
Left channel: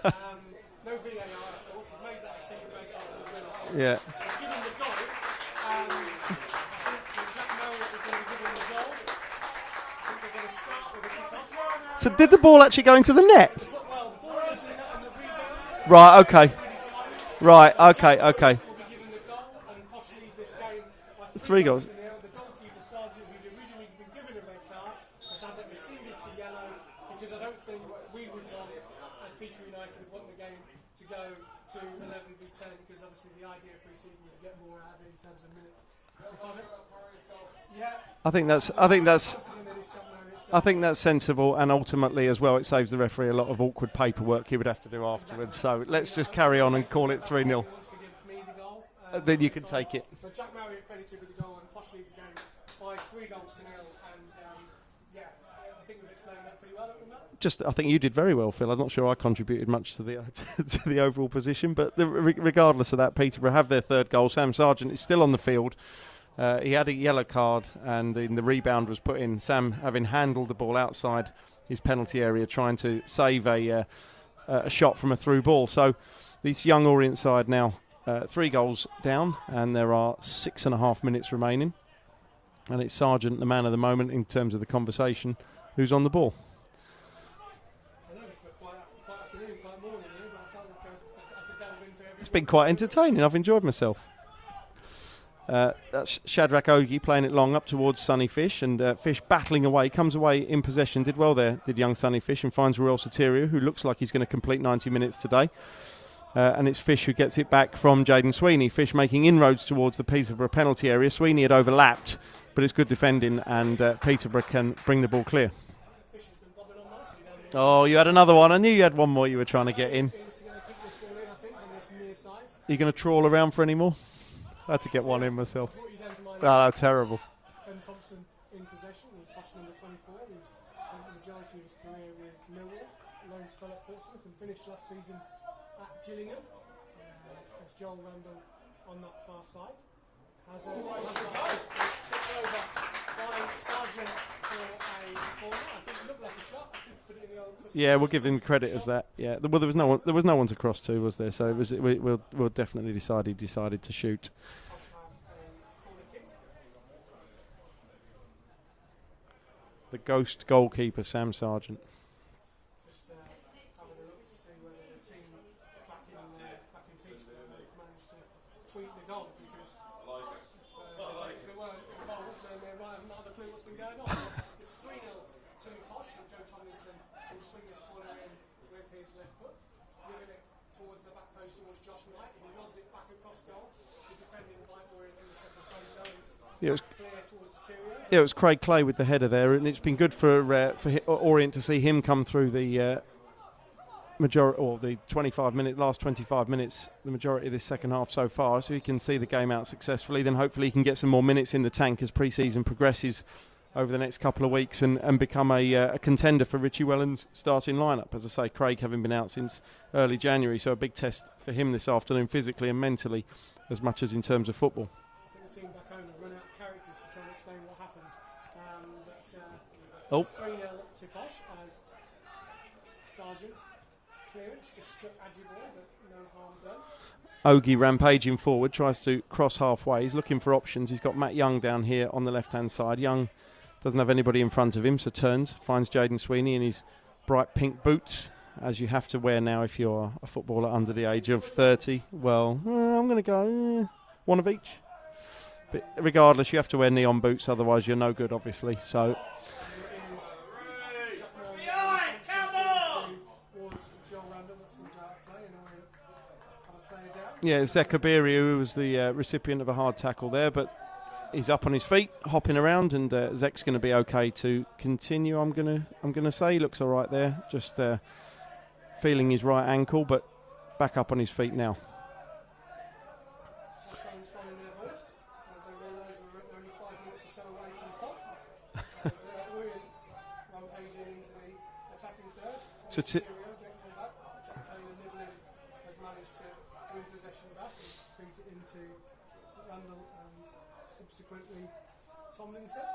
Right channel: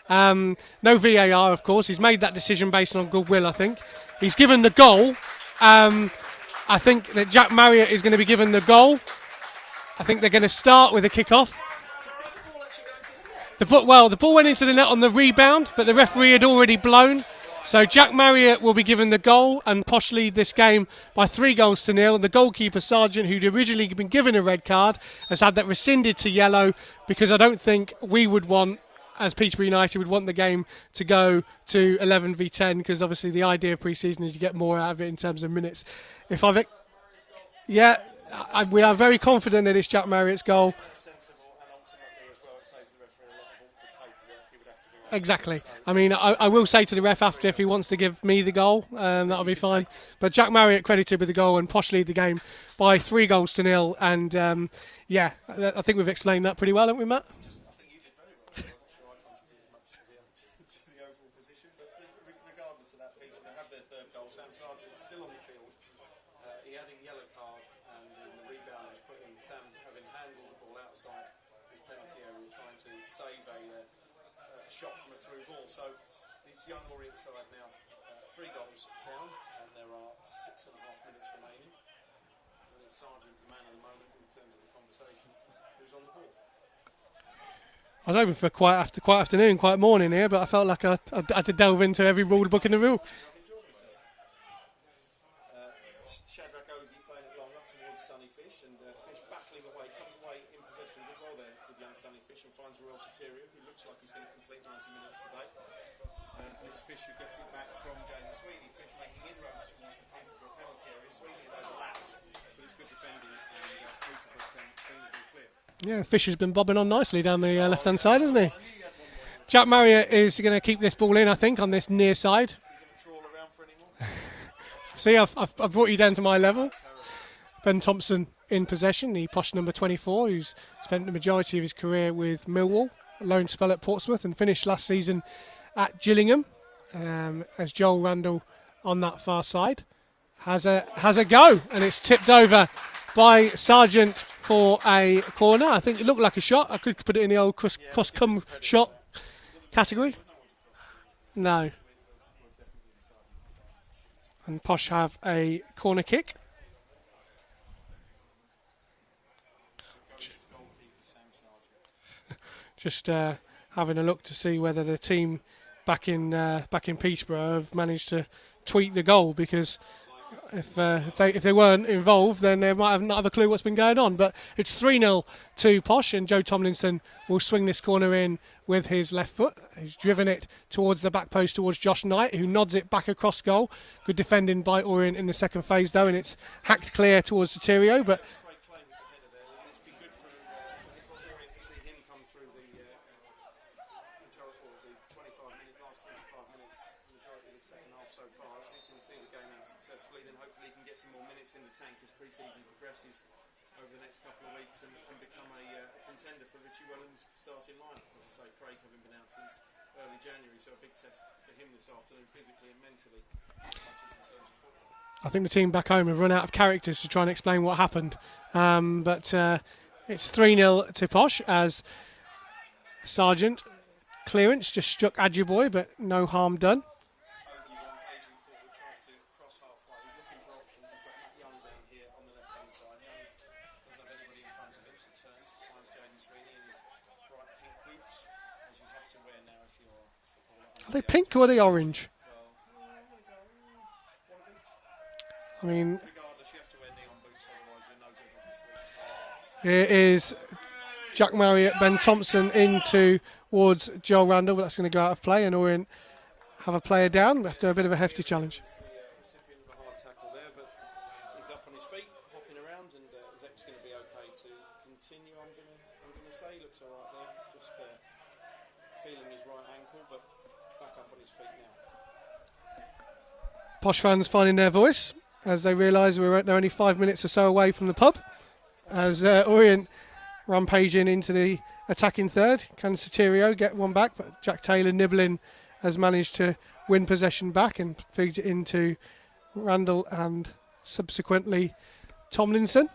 No VAR, of course. He's made that decision based on goodwill, I think. Yeah. He's given the goal. I think that Jack Marriott is going to be given the goal. I think they're going to start with a kick-off. So did the ball actually go into the net? The ball went into the net on the rebound, but the referee had already blown. Right, so Jack Marriott will be given the goal, and Posh lead this game by 3 goals to 0. The goalkeeper, Sargent, who'd originally been given a red card, has had that rescinded to yellow, because I don't think we would want, as Peterborough United, would want the game to go to 11 v 10, because obviously the idea of pre-season is you get more out of it in terms of minutes. We are very confident that it's Jack Marriott's goal. I think that's sensible, and ultimately as well, it saves the referee a lot of awkward paperwork he would have to do afterwards. Exactly. So I mean, I will say to the ref after, if he wants to give me the goal, that'll be fine. But Jack Marriott credited with the goal, and Posh lead the game by 3 goals to 0. And I think we've explained that pretty well, haven't we, Matt? I think you did very well, Phil. I'm not sure I contributed much to the to the overall position, but regardless of that, Peterborough have their 3rd goal. Sam Sargent is still on the field. He had a yellow card, and the rebound was put in. Sam, having handled the ball outside his penalty area, trying to save a shot from a through ball. So this young Orient side now 3 goals down, and there are 6.5 minutes remaining. And it's Sargent, the man of the moment in terms of the conversation, who's on the ball. I was hoping for quiet afternoon, quiet morning here, but I felt like I had to delve into every rule book in the room. It's been quite entertaining. I've enjoyed myself. That's Shadrach Ogie playing it long up towards Sunny Fish, and Fish battling away, comes away in possession. Did well there, did young Sunny Fish, and finds Ruel Soterio, who looks like he's going to complete 90 minutes today. And it's Fish who gets it back from Jaden Sweeney. Fish making inroads towards the Peterborough penalty area. Sweeney had overlapped, but it's good defending, and Peterborough can bring the ball clear. Yeah, Fish has been bobbing on nicely down the left-hand Oh, you had side, another one. I knew you had one more you were trying Jack to Marriott get in. is going to keep this ball in, I think, on this near side. Are you going to trawl around for any more? I had to get See, one in myself. I've brought you down to my level. Ah, terrible. Ben Thompson in possession, the posh number 24, who's spent the majority of his career with Millwall, a loan spell at Portsmouth, and finished last season at Gillingham. As Joel Randall on that far side has a go, and it's tipped over by Sargent for a corner. I think it looked like a shot. I could put it in the old cross. Yeah, we'll give him credit as that. Yeah, well, there was no one to cross to, was there? So No. we'll definitely he decided to shoot. And Posh have a corner kick. The ghost goalkeeper, Sam Sargent. Just having a look to see whether the team back in Peterborough have managed to tweak the goal, because if they weren't involved, then they might not have a clue what's been going on. But it's 3-0 to Posh, and Joe Tomlinson will swing this corner in with his left foot. He's driven it towards the back post towards Josh Knight, who nods it back across goal. Good defending by Orient in the second phase, though, and it's hacked clear towards Soterio. But yeah, it was Craig Clay with the header there, and it's been good for Orient to see him come through the last 25 minutes, the majority of this second half so far, so he can see the game out successfully. Then hopefully he can get some more minutes in the tank as pre-season progresses over the next couple of weeks, and become a contender for Richie Welland's starting lineup. As I say, Craig having been out since early January, so a big test for him this afternoon, physically and mentally, as much as in terms of football. I think the team back home have run out of characters to try and explain what happened. But it's 3-0 to Posh, as Sargent clearance just struck Adjuboy, but no harm done. Ogie rampaging forward, tries to cross halfway. He's looking for options. He's got Matt Young down here on the left-hand side. Young doesn't have anybody in front of him, so turns, finds Jaden Sweeney in his bright pink boots, as you have to wear now if you're a footballer under the age of 30. Orange? Well, I'm going to go one of each. I mean, regardless, you have to wear neon boots, otherwise you're no good, obviously. So here is Jack Marriott, Ben Thompson in towards Joel Randall, but that's going to go out of play, and Orient have a player down. Yeah, Zekabiri, who was the recipient of a hard tackle there, but he's up on his feet, hopping around, and Zek's going to be okay to continue. I'm gonna say he looks all right there, just feeling his right ankle, but back up on his feet now. Posh fans finding their voice as they realise they're only 5 minutes or so away from the pub, as Orient rampaging into the attacking third. Can Soterio get one back, but Jack Taylor nibbling has managed to win possession back and feeds it into Randall and subsequently Tomlinson.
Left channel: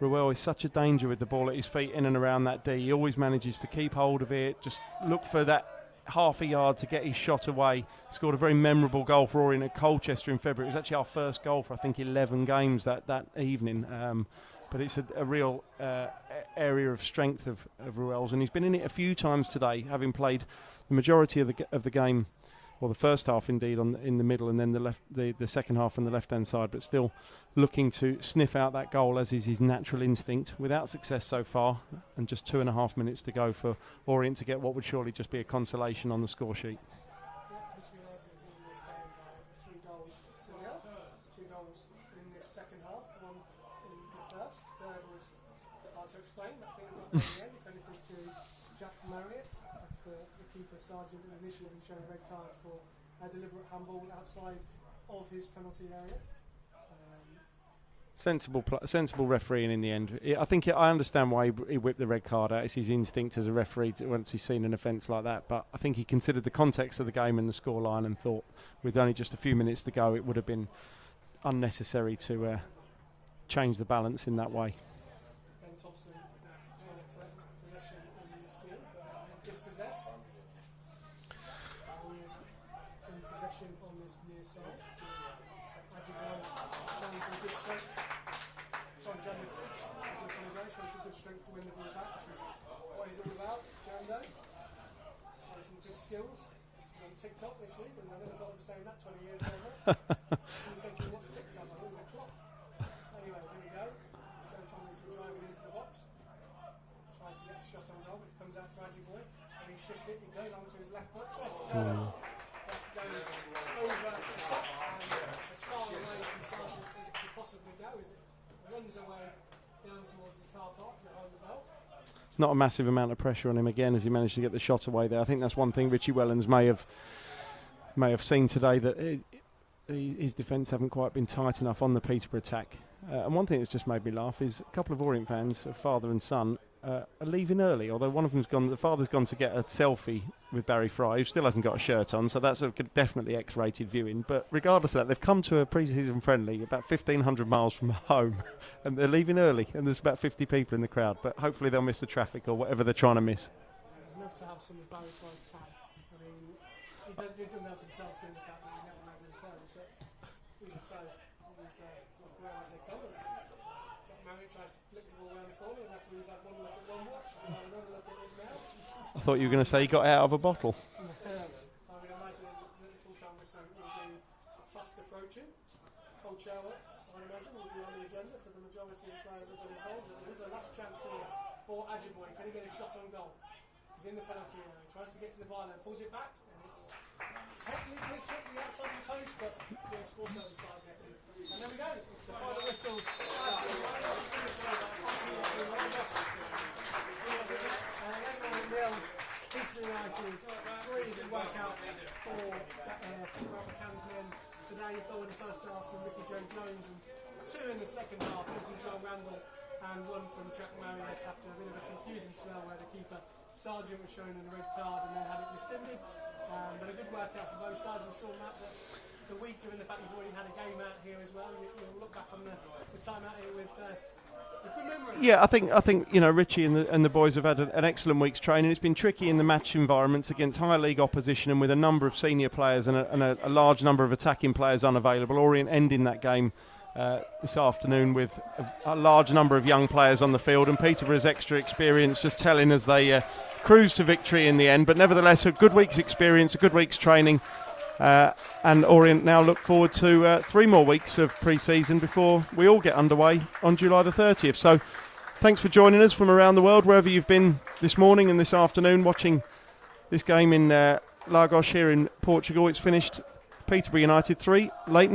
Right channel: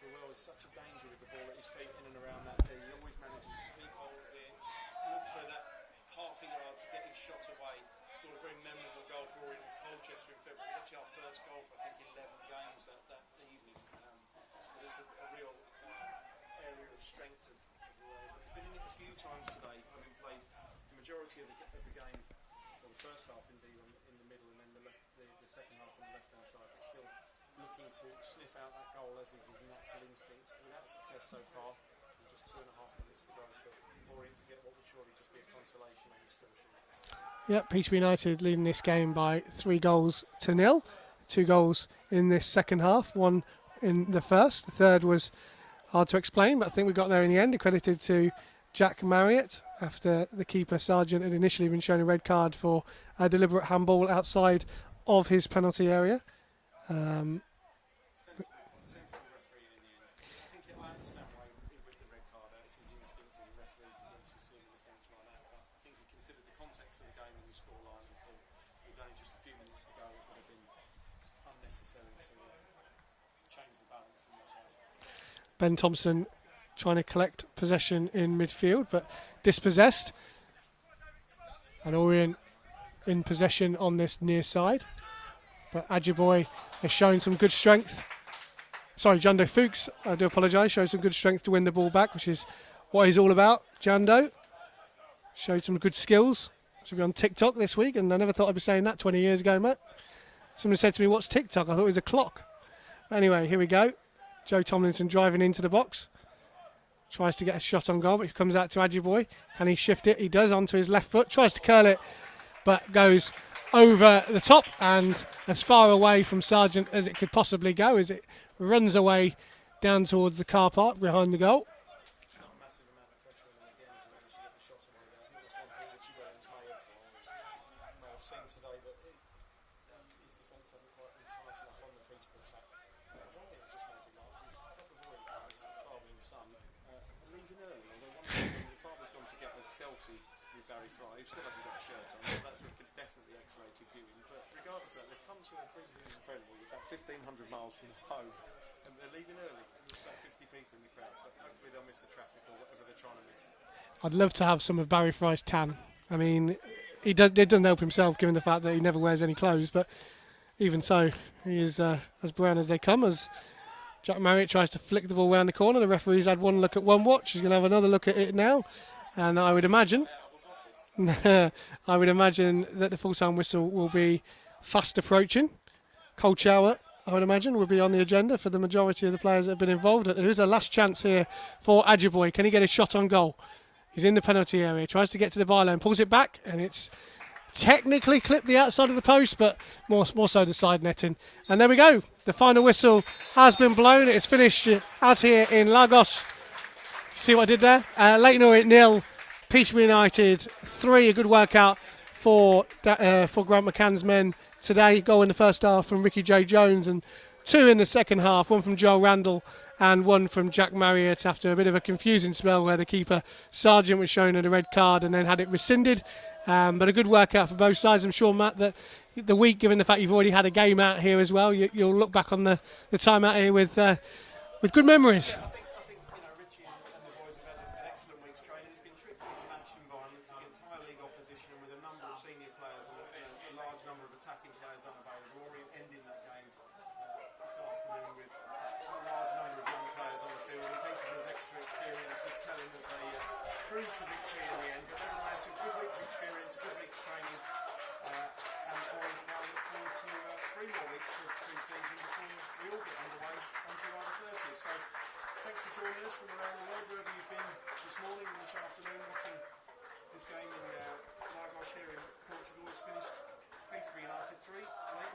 Ruel is such a danger with the ball at his feet in and around that D. He always manages to keep hold of it, just look for that half a yard to get his shot away. Scored a very memorable goal for Orient at Colchester in February. It was actually our first goal for I think 11 games that evening. But it's a real area of strength of Ruel's, and he's been in it a few times today, having played the majority of the game, well, the first half indeed in the middle, and then the second half on the left-hand side, but still looking to sniff out that goal, as is his natural instinct, without success so far, and just 2.5 minutes to go for Orient to get what would surely just be a consolation on the score sheet. Yep, Peterborough United leading this game by 3-0. 2 goals in this second half, one in the first. The third was hard to explain, but I think we got there in the end, accredited to Jack Marriott, after the keeper Sargent had initially been shown a red card for a deliberate handball outside of his penalty area. Sensible refereeing in the end. I understand why he whipped the red card out. It's his instinct as a referee once he's seen an offence like that. But I think he considered the context of the game and the scoreline and thought, with only just a few minutes to go, it would have been unnecessary to change the balance in that way. Ben Thompson trying to collect possession in midfield, but dispossessed. And Orient in possession on this near side. But Adjuboy has shown some good strength. Sorry, Jando Fuchs, I do apologise, showed some good strength to win the ball back, which is what he's all about. Jando showed some good skills Should be on TikTok this week, and I never thought I'd be saying that 20 years ago, Matt. Someone said to me, "What's TikTok?" I thought it was a clock. Anyway, here we go. Joe Tomlinson driving into the box. Tries to get a shot on goal, but he comes out to Adjiboye. Can he shift it? He does, onto his left foot. Tries to curl it, but goes over the top and as far away from Sargent as it could possibly go, as it runs away down towards the car park behind the goal. Not a massive amount of pressure on him again as he managed to get the shot away there. I think that's one thing Richie Wellens may have seen today, that his defence haven't quite been tight enough on the Peterborough attack. And one thing that's just made me laugh is a couple of Orient fans, a father and son, are leaving early. Although one of them's gone, the father's gone to get a selfie with Barry Fry, who still hasn't got a shirt on, so that's definitely X-rated viewing. But regardless of that, they've come to a pre-season friendly about 1,500 miles from home, and they're leaving early, and there's about 50 people in the crowd. But hopefully they'll miss the traffic or whatever they're trying to miss. I'd love to have some of Barry Fry's tan. I mean, it doesn't help himself given the fact that he never wears any clothes, but even so, he is as brown as they come, as Jack Marriott tries to flick the ball round the corner. The referee's had one look at one watch. He's going to have another look at it now. And I would imagine got out of a bottle. I would imagine that the full-time whistle will be fast approaching. Cold shower, I would imagine, will be on the agenda for the majority of the players that have been involved. There is a last chance here for Adjiboye. Can he get a shot on goal? He's in the penalty area. Tries to get to the byline, pulls it back, and it's technically clipped the outside of the post, but more so the side netting. And there we go. The final whistle has been blown. It's finished out here in Lagos. See what I did there? Leyton Orient 0, Peterborough United 3. A good workout for Grant McCann's men today. Goal in the first half from Ricky J. Jones, and 2 in the second half. 1 from Joel Randall and 1 from Jack Marriott, after a bit of a confusing spell where the keeper Sargent was shown a red card and then had it rescinded. But a good workout for both sides. I'm sure, Matt, that the week, given the fact you've already had a game out here as well, you'll look back on the time out here with good memories. Yeah, I think you know, Richie and the boys have had an excellent week's training. It's been tricky in the match environments against higher league opposition, and with a number of senior players and a large number of attacking players unavailable. Orient ending that game this afternoon with a large number of young players on the field, and Peterborough's extra experience just telling as they cruise to victory in the end. But nevertheless, a good week's experience, a good week's training, and Orient now look forward to 3 more weeks of pre-season before we all get underway on July the 30th. So thanks for joining us from around the world, wherever you've been this morning and this afternoon watching this game in Lagos here in Portugal. It's finished Peterborough United 3, Leyton